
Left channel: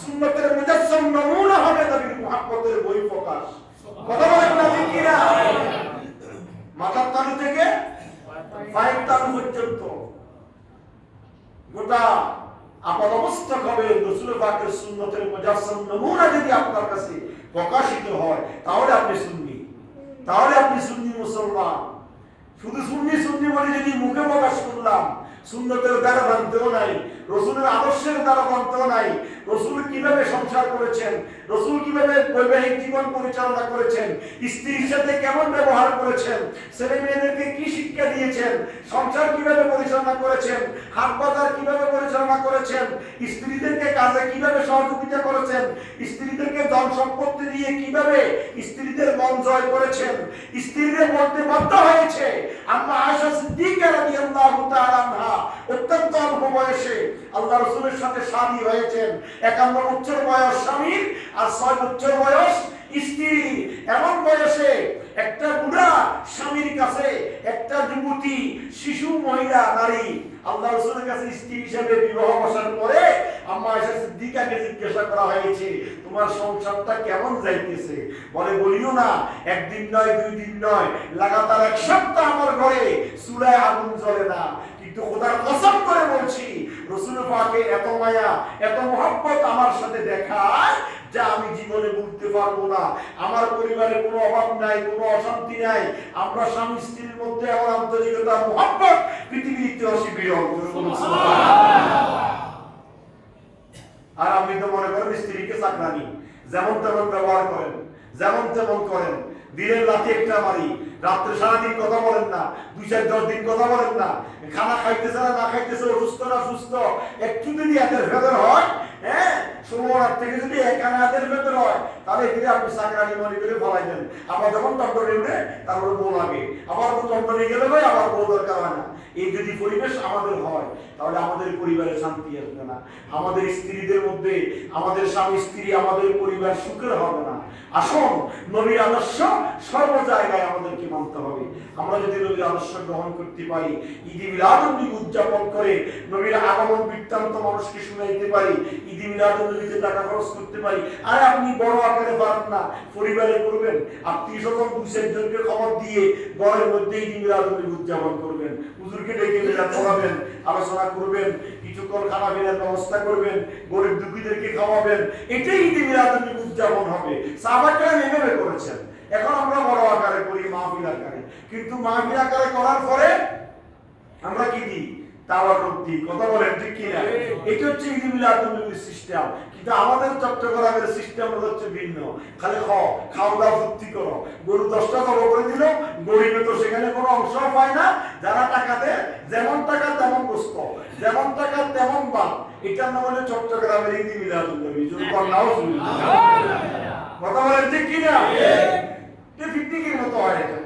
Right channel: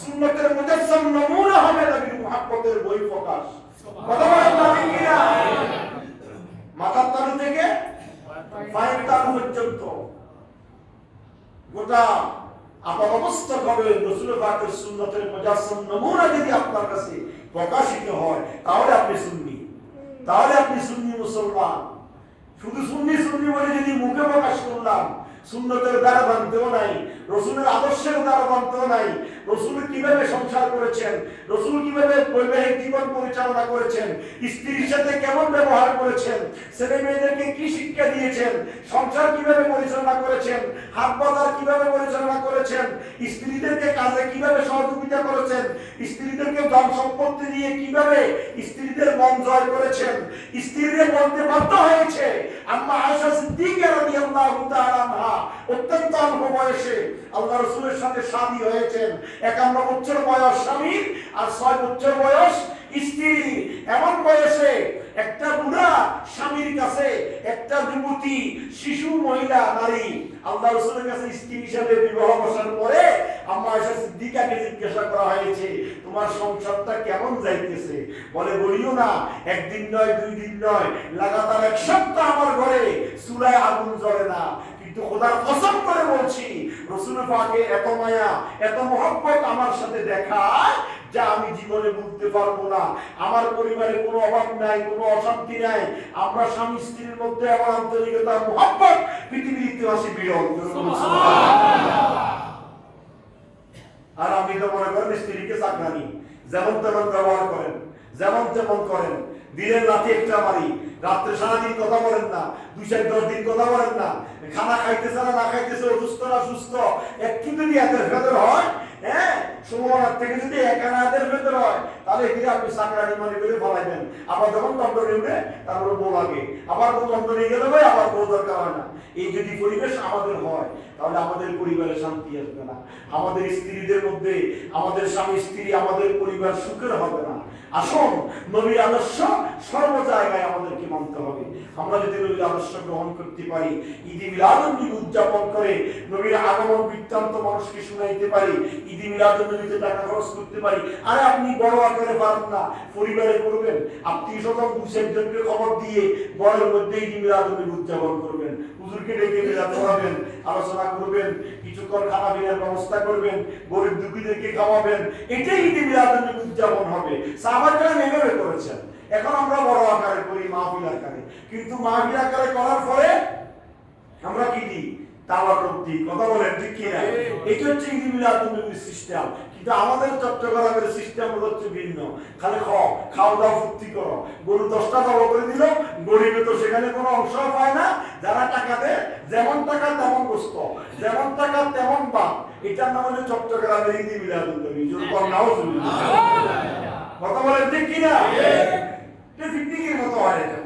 সুন্নতের মুজাসসাম নমুনা হবে নবীর মহব্বতের বহিঃপ্রকাশ। কথা বলেন না ঠিক কিনা? মাথার তালু থেকে পায়ের তালু পর্যন্ত গোটা আপনার অবস্থা হবে রাসূল পাকের সুন্নতের মুজাসসাম নমুনা যদি আপনার কাছে প্রকাশিত হয়, তাহলে আপনি সুন্নি, তাহলে আপনি সুন্নি মুসলমান। শুধু সুন্নি সুন্নি বলে যদি মুখে প্রকাশ করলাম, সুন্নতের দ্বারা জানতেও নাই, রাসূলের আদর্শের দ্বারা জানতেও নাই, রাসূল কিভাবে সংসার করেছেন, রাসূল কিভাবে বৈবাহিক জীবন পরিচালনা করেছেন, স্ত্রীর সাথে কেমন ব্যবহার করেছেন, ছেলে মেয়েদেরকে কি শিক্ষা দিয়েছেন, সংসার কিভাবে পরিচালনা করেছেন, হাট বাজার কিভাবে পরিচালনা করেছেন, স্ত্রীদেরকে কাজে কিভাবে সহযোগিতা করেছেন, স্ত্রীদেরকে ধন সম্পত্তি দিয়ে কিভাবে স্ত্রীদের মন জয় করেছেন, স্ত্রীদের বলতে বাধ্য হয়েছে। আম্মা আয়েশা সিদ্দিকা রাদিয়াল্লাহু তাআলা আনহা অত্যন্ত অল্প বয়সে আল্লাহ রাসূলের সাথে শাদী হয়েছেন। 51 বছর বয়স স্বামীর আর 6 বছর বয়স স্ত্রী। এমন বয়সে একটা বুড়া স্বামীর কাছে একটা যুবতী শিশু মহিলা নারী আল্লাহ রাসূলের কাছে স্ত্রী হিসেবে বিবাহ বসার পরে আম্মা আয়েশা সিদ্দিকাকে জিজ্ঞাসা করা হয়েছে তোমার সংসারটা কেমন যাইতেছে? বলিও না, একদিন নয় 2 দিন নয়, লাগাতার 1 সপ্তাহ আমার ঘরে চুলায় আগুন জ্বলে না। কিন্তু খোদার কসম করে বলছি রাসূল পাকের এত মায়া এত মহব্বত আমার সাথে দেখায় যা আমি জীবনে বলতে পারবো না। আমার পরিবারে কোনো অভাব নাই, কোনো অশান্তি নাই। আমরা স্বামী স্ত্রীর মধ্যে আমার আন্তরিকতা মহব্বত পৃথিবীর ইতিহাসে বিরল। আর আপনি তো মনে করেন স্ত্রীকে চাকরানি, যেমন তেমন ব্যবহার করেন, যেমন তেমন করেন, দিনের রাতে একটা বাড়ি, রাত্রে সারাদিন কথা বলেন না, 2-4-10 দিন কথা বলেন না, খানা খাইতেছে না খাইতেছে, অসুস্থ না সুস্থ, একটু যদি এদের ভেতর হয়, হ্যাঁ সময় থেকে যদি একানাদের ভেতর হয়, তাহলে এখানে আপনি চাকরানি মনে করে ফলাই দেন। আবার যখন দণ্ডনে উঠে তারপরে বউ লাগে, আবার দণ্ডনে গেলে হয়, আবার বউ দরকার হয় না। এই যদি পরিবেশ আমাদের হয়, তাহলে আমাদের পরিবারে শান্তি আসবে না, আমাদের স্ত্রীদের মধ্যে, আমাদের স্বামী স্ত্রী, আমাদের পরিবার সুখের হবে না। আসুন নবীর আদর্শ সর্ব জায়গায় আমাদেরকে মানতে হবে। আমরা যদি নবীর আদর্শ গ্রহণ করতে পারি, ঈদ মিলাদুন নবী উদযাপন করে নবীর আগমন বৃত্তান্ত মানুষকে শোনাইতে পারি, ঈদ মিলাদুন নবীতে টাকা খরচ করতে পারি। আরে আপনি বড় আকারে পারেন না, পরিবারে করবেন, আত্মীয়-স্বজন 2-4 জনকে খবর দিয়ে ঘরের মধ্যে ঈদ মিলাদুন নবী উদযাপন করবেন, হুজুরকে ডেকে মিলাদ পড়াবেন, আলোচনা করবেন, কিছুক্ষণ খানা পিনার ব্যবস্থা করবেন, গরিব দুঃখীদেরকে খাওয়াবেন, এটাই ঈদ মিলাদুন নবী উদযাপন হবে। সাহাবারা এইভাবে করেছেন। এখন আমরা বড় আকারে করি, মাহফিল আকারে, কিন্তু মাহফিল আকারে করার পরে আমরা কি দিই? তাওয়াক্কুল দিই। কথা বলেন ঠিক কি না? এটা হচ্ছে ঈদ মিলাদুন নবীর সিস্টেম। কিন্তু আমাদের চট্টগ্রামের সিস্টেম হচ্ছে ভিন্ন। খালি খাওয়া দাওয়া ফুর্তি করো, গরু 10টা জবাই করে দিল, গরিবে তো সেখানে কোনো অংশ পায় না। যারা টাকা দেয়, যেমন টাকা তেমন গোস্ত, যেমন টাকা তেমন ভাত। এটার নাম হচ্ছে চট্টগ্রামের ঈদ মিলাদুন নবী। কথা বলেন ঠিক কি না? এটা পিকনিকের মতো হয়। এটা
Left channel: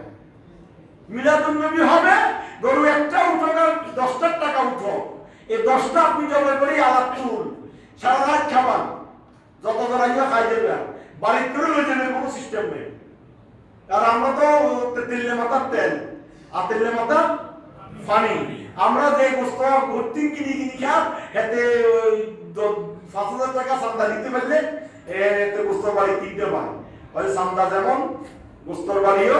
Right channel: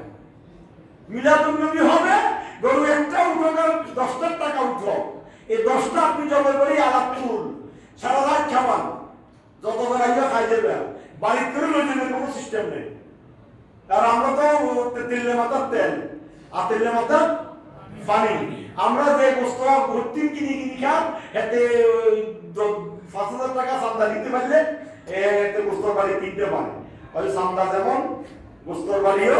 মিলাদুন নবী হবে, গরু একটা উঠো, 10টার টাকা উঠো, এই 10টা আপনি জবাই করে আলাপ চুল, সারা রাত খাবার যতজন আইবা খাই দেবে বাড়ির করে লই যাবে কোনো সিস্টেম নেই আর আমরা তো তেলে মাথার তেল আর তেলে মাথা পানি আমরা যে বস্তু ভর্তি কিনে খা এতে 5,000 টাকা চান্দা দিতে পারলে এতে বস্তুর বাড়ি 3টে পায় ওই চান্দা যেমন বস্তুর বাড়িও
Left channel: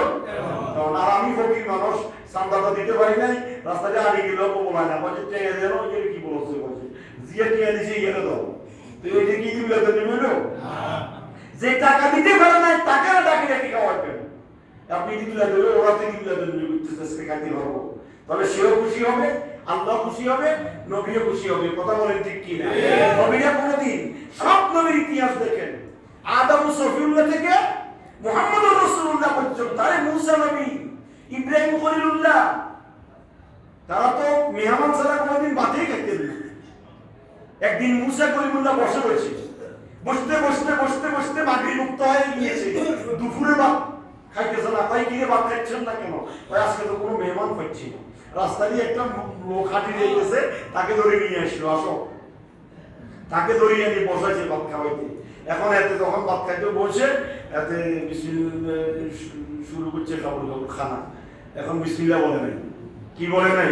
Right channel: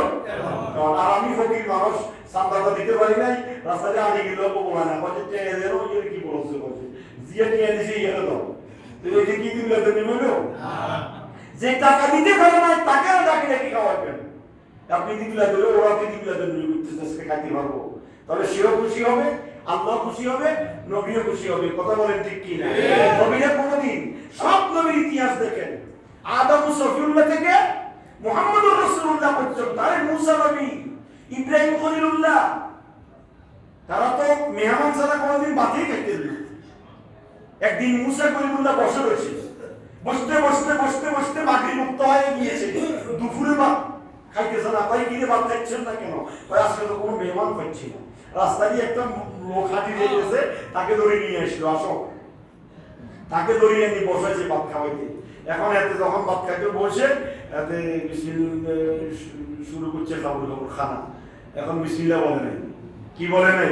আর আমি ফকির মানুষ চান্দাটা দিতে পারি নাই রাস্তায় আনি গেল বলা না বলছে টেনে দেন কি বলছে জিয়া নিয়ে দিছি গেল তো তুই ওই যে কি দিলে তো নিবে যে টাকা দিতে পারে না টাকা ডাকি ডাকি খাওয়াবেন আপনি দিলে দিলে ওরা দিলে দিলে বুঝতেছে খাইতে পারবো তাহলে সেও খুশি হবে আল্লাহ খুশি হবে নবীও খুশি হবে কথা বলেন ঠিক কি না নবীরা কোনদিন সব নবীর ইতিহাস দেখেন আদম ও সফিউল্লাহ থেকে মুহাম্মদুর রাসূলুল্লাহ পর্যন্ত আরে মুসা নবী ইব্রাহিম খলিলুল্লাহ তারা তো মেহমান ছাড়া কোনদিন ভাতই খেতে দিল একদিন মুসা খলিলুল্লাহ বসে রয়েছে বসতে বসতে বসতে বসতে মাগরিব মুক্ত হয়ে গিয়েছে দুপুরে ভাত খাইতেছে না কই কিরে ভাত খাচ্ছেন না কেন কই আজকে তো কোনো মেহমান পাচ্ছি না রাস্তা দিয়ে একটা লোক হাঁটি যাইতেছে তাকে ধরে নিয়ে আসলো আসো তাকে ধরে নিয়ে বসাইছে ভাত খাওয়াইতে এখন এতে যখন ভাত খাইতে বসে এতে শুরু করছে খানা এখন বিসমিল্লাহ বলে নাই কি বলে নাই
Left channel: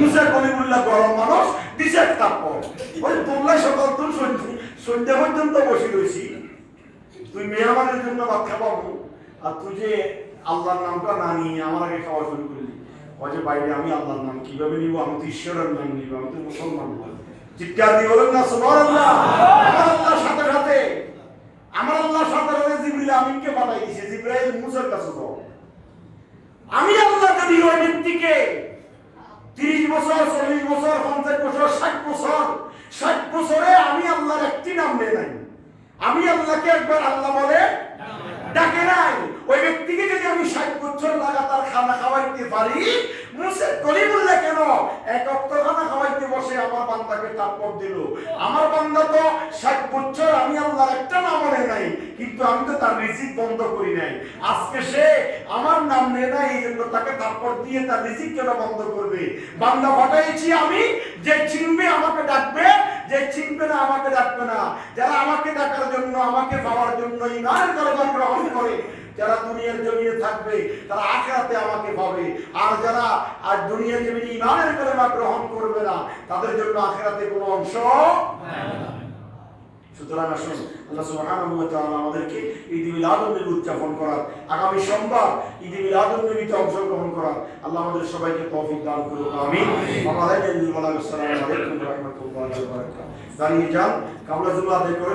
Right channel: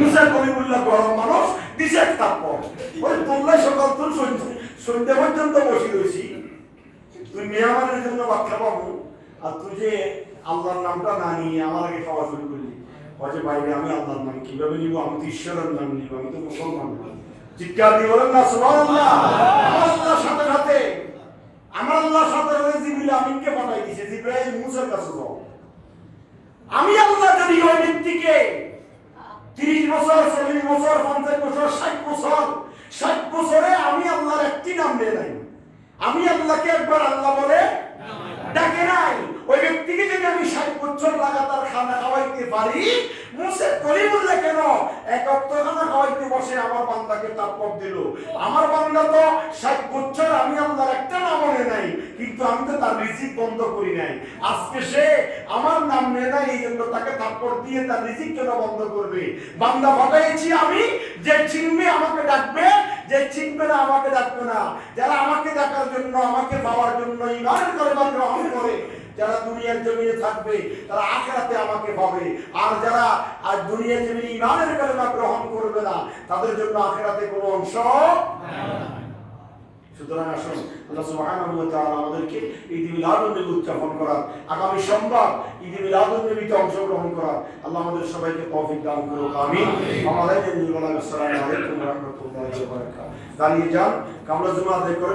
মুসা কলিমুল্লাহ গরম মানুষ দিছে তারপর ওই তোমরা সকাল তো সন্ধ্যা পর্যন্ত বসে রয়েছি তুই মেহমানের জন্য ভাত খাওয়াবো আর তুই যে আল্লাহর নামটা না নিয়ে আমার আগে খাওয়া শুরু করলি অজে বাইরে আমি আল্লাহর নাম কিভাবে নিব আমি তো ঈশ্বরের নাম নিব আমি তো মুসলমান চিৎকার দিয়ে বলেন না সুবহানাল্লাহ আমার আল্লাহর সাথে সাথে জিবরিল আমিনকে পাঠাই দিয়েছে জিবরাইল মুসার কাছে যাও আমি আল্লাহ যদি ওই ব্যক্তিকে 30 বছর 40 বছর 50 বছর 60 বছরে আমি আল্লাহর একটি নাম নেই নাই আমি আল্লাহকে একবার আল্লাহ বলে ডাকে নাই ওই ব্যক্তিকে যদি আমি 60 বছর লাগাতার খানা খাওয়াইতে পারি মুসা কলিমুল্লাহ কেন এক ওয়াক্ত খানা খাওয়াইতে বসে আমার বান্দাকে তারপর দিল আমার বান্দা তো 60 বছর আমি আল্লাহর একটা নাম বলে নাই কিন্তু আমি তো তার রিজিক বন্ধ করি নাই আজকে সে আমার নাম নেয় নাই এই জন্য তাকে তারপর দিয়ে তার রিজিক কেন বন্ধ করবে বান্দা পাঠাইছি আমি যে চিনবে আমাকে ডাকবে যে চিনবে না আমাকে ডাকবে না যারা আমাকে ডাকার জন্য আমাকে পাওয়ার জন্য ঈমান কালেমা গ্রহণ করে যারা দুনিয়ার জমিনে থাকবে তারা আখিরাতে আমাকে পাবে আর যারা আর দুনিয়ার জমিনে ঈমানের কালেমা গ্রহণ করবে না তাদের জন্য আখিরাতে কোনো অংশ নাই সুতরাং আসুন আল্লাহ সুবহানাহু ওয়া তাআলা আমাদেরকে ঈদ মিলাদুন নবী উদযাপন করার আগামী সোমবার ঈদ মিলাদুন নবীতে অংশগ্রহণ করার আল্লাহ আমাদের সবাইকে তৌফিক দান করুন আমিন আমাদের আসসালামু আলাইকুম ওয়া রাহমাতুল্লাহি ওয়া বারাকাতুহু দাঁড়িয়ে যান কামলা জুমা আদায় করে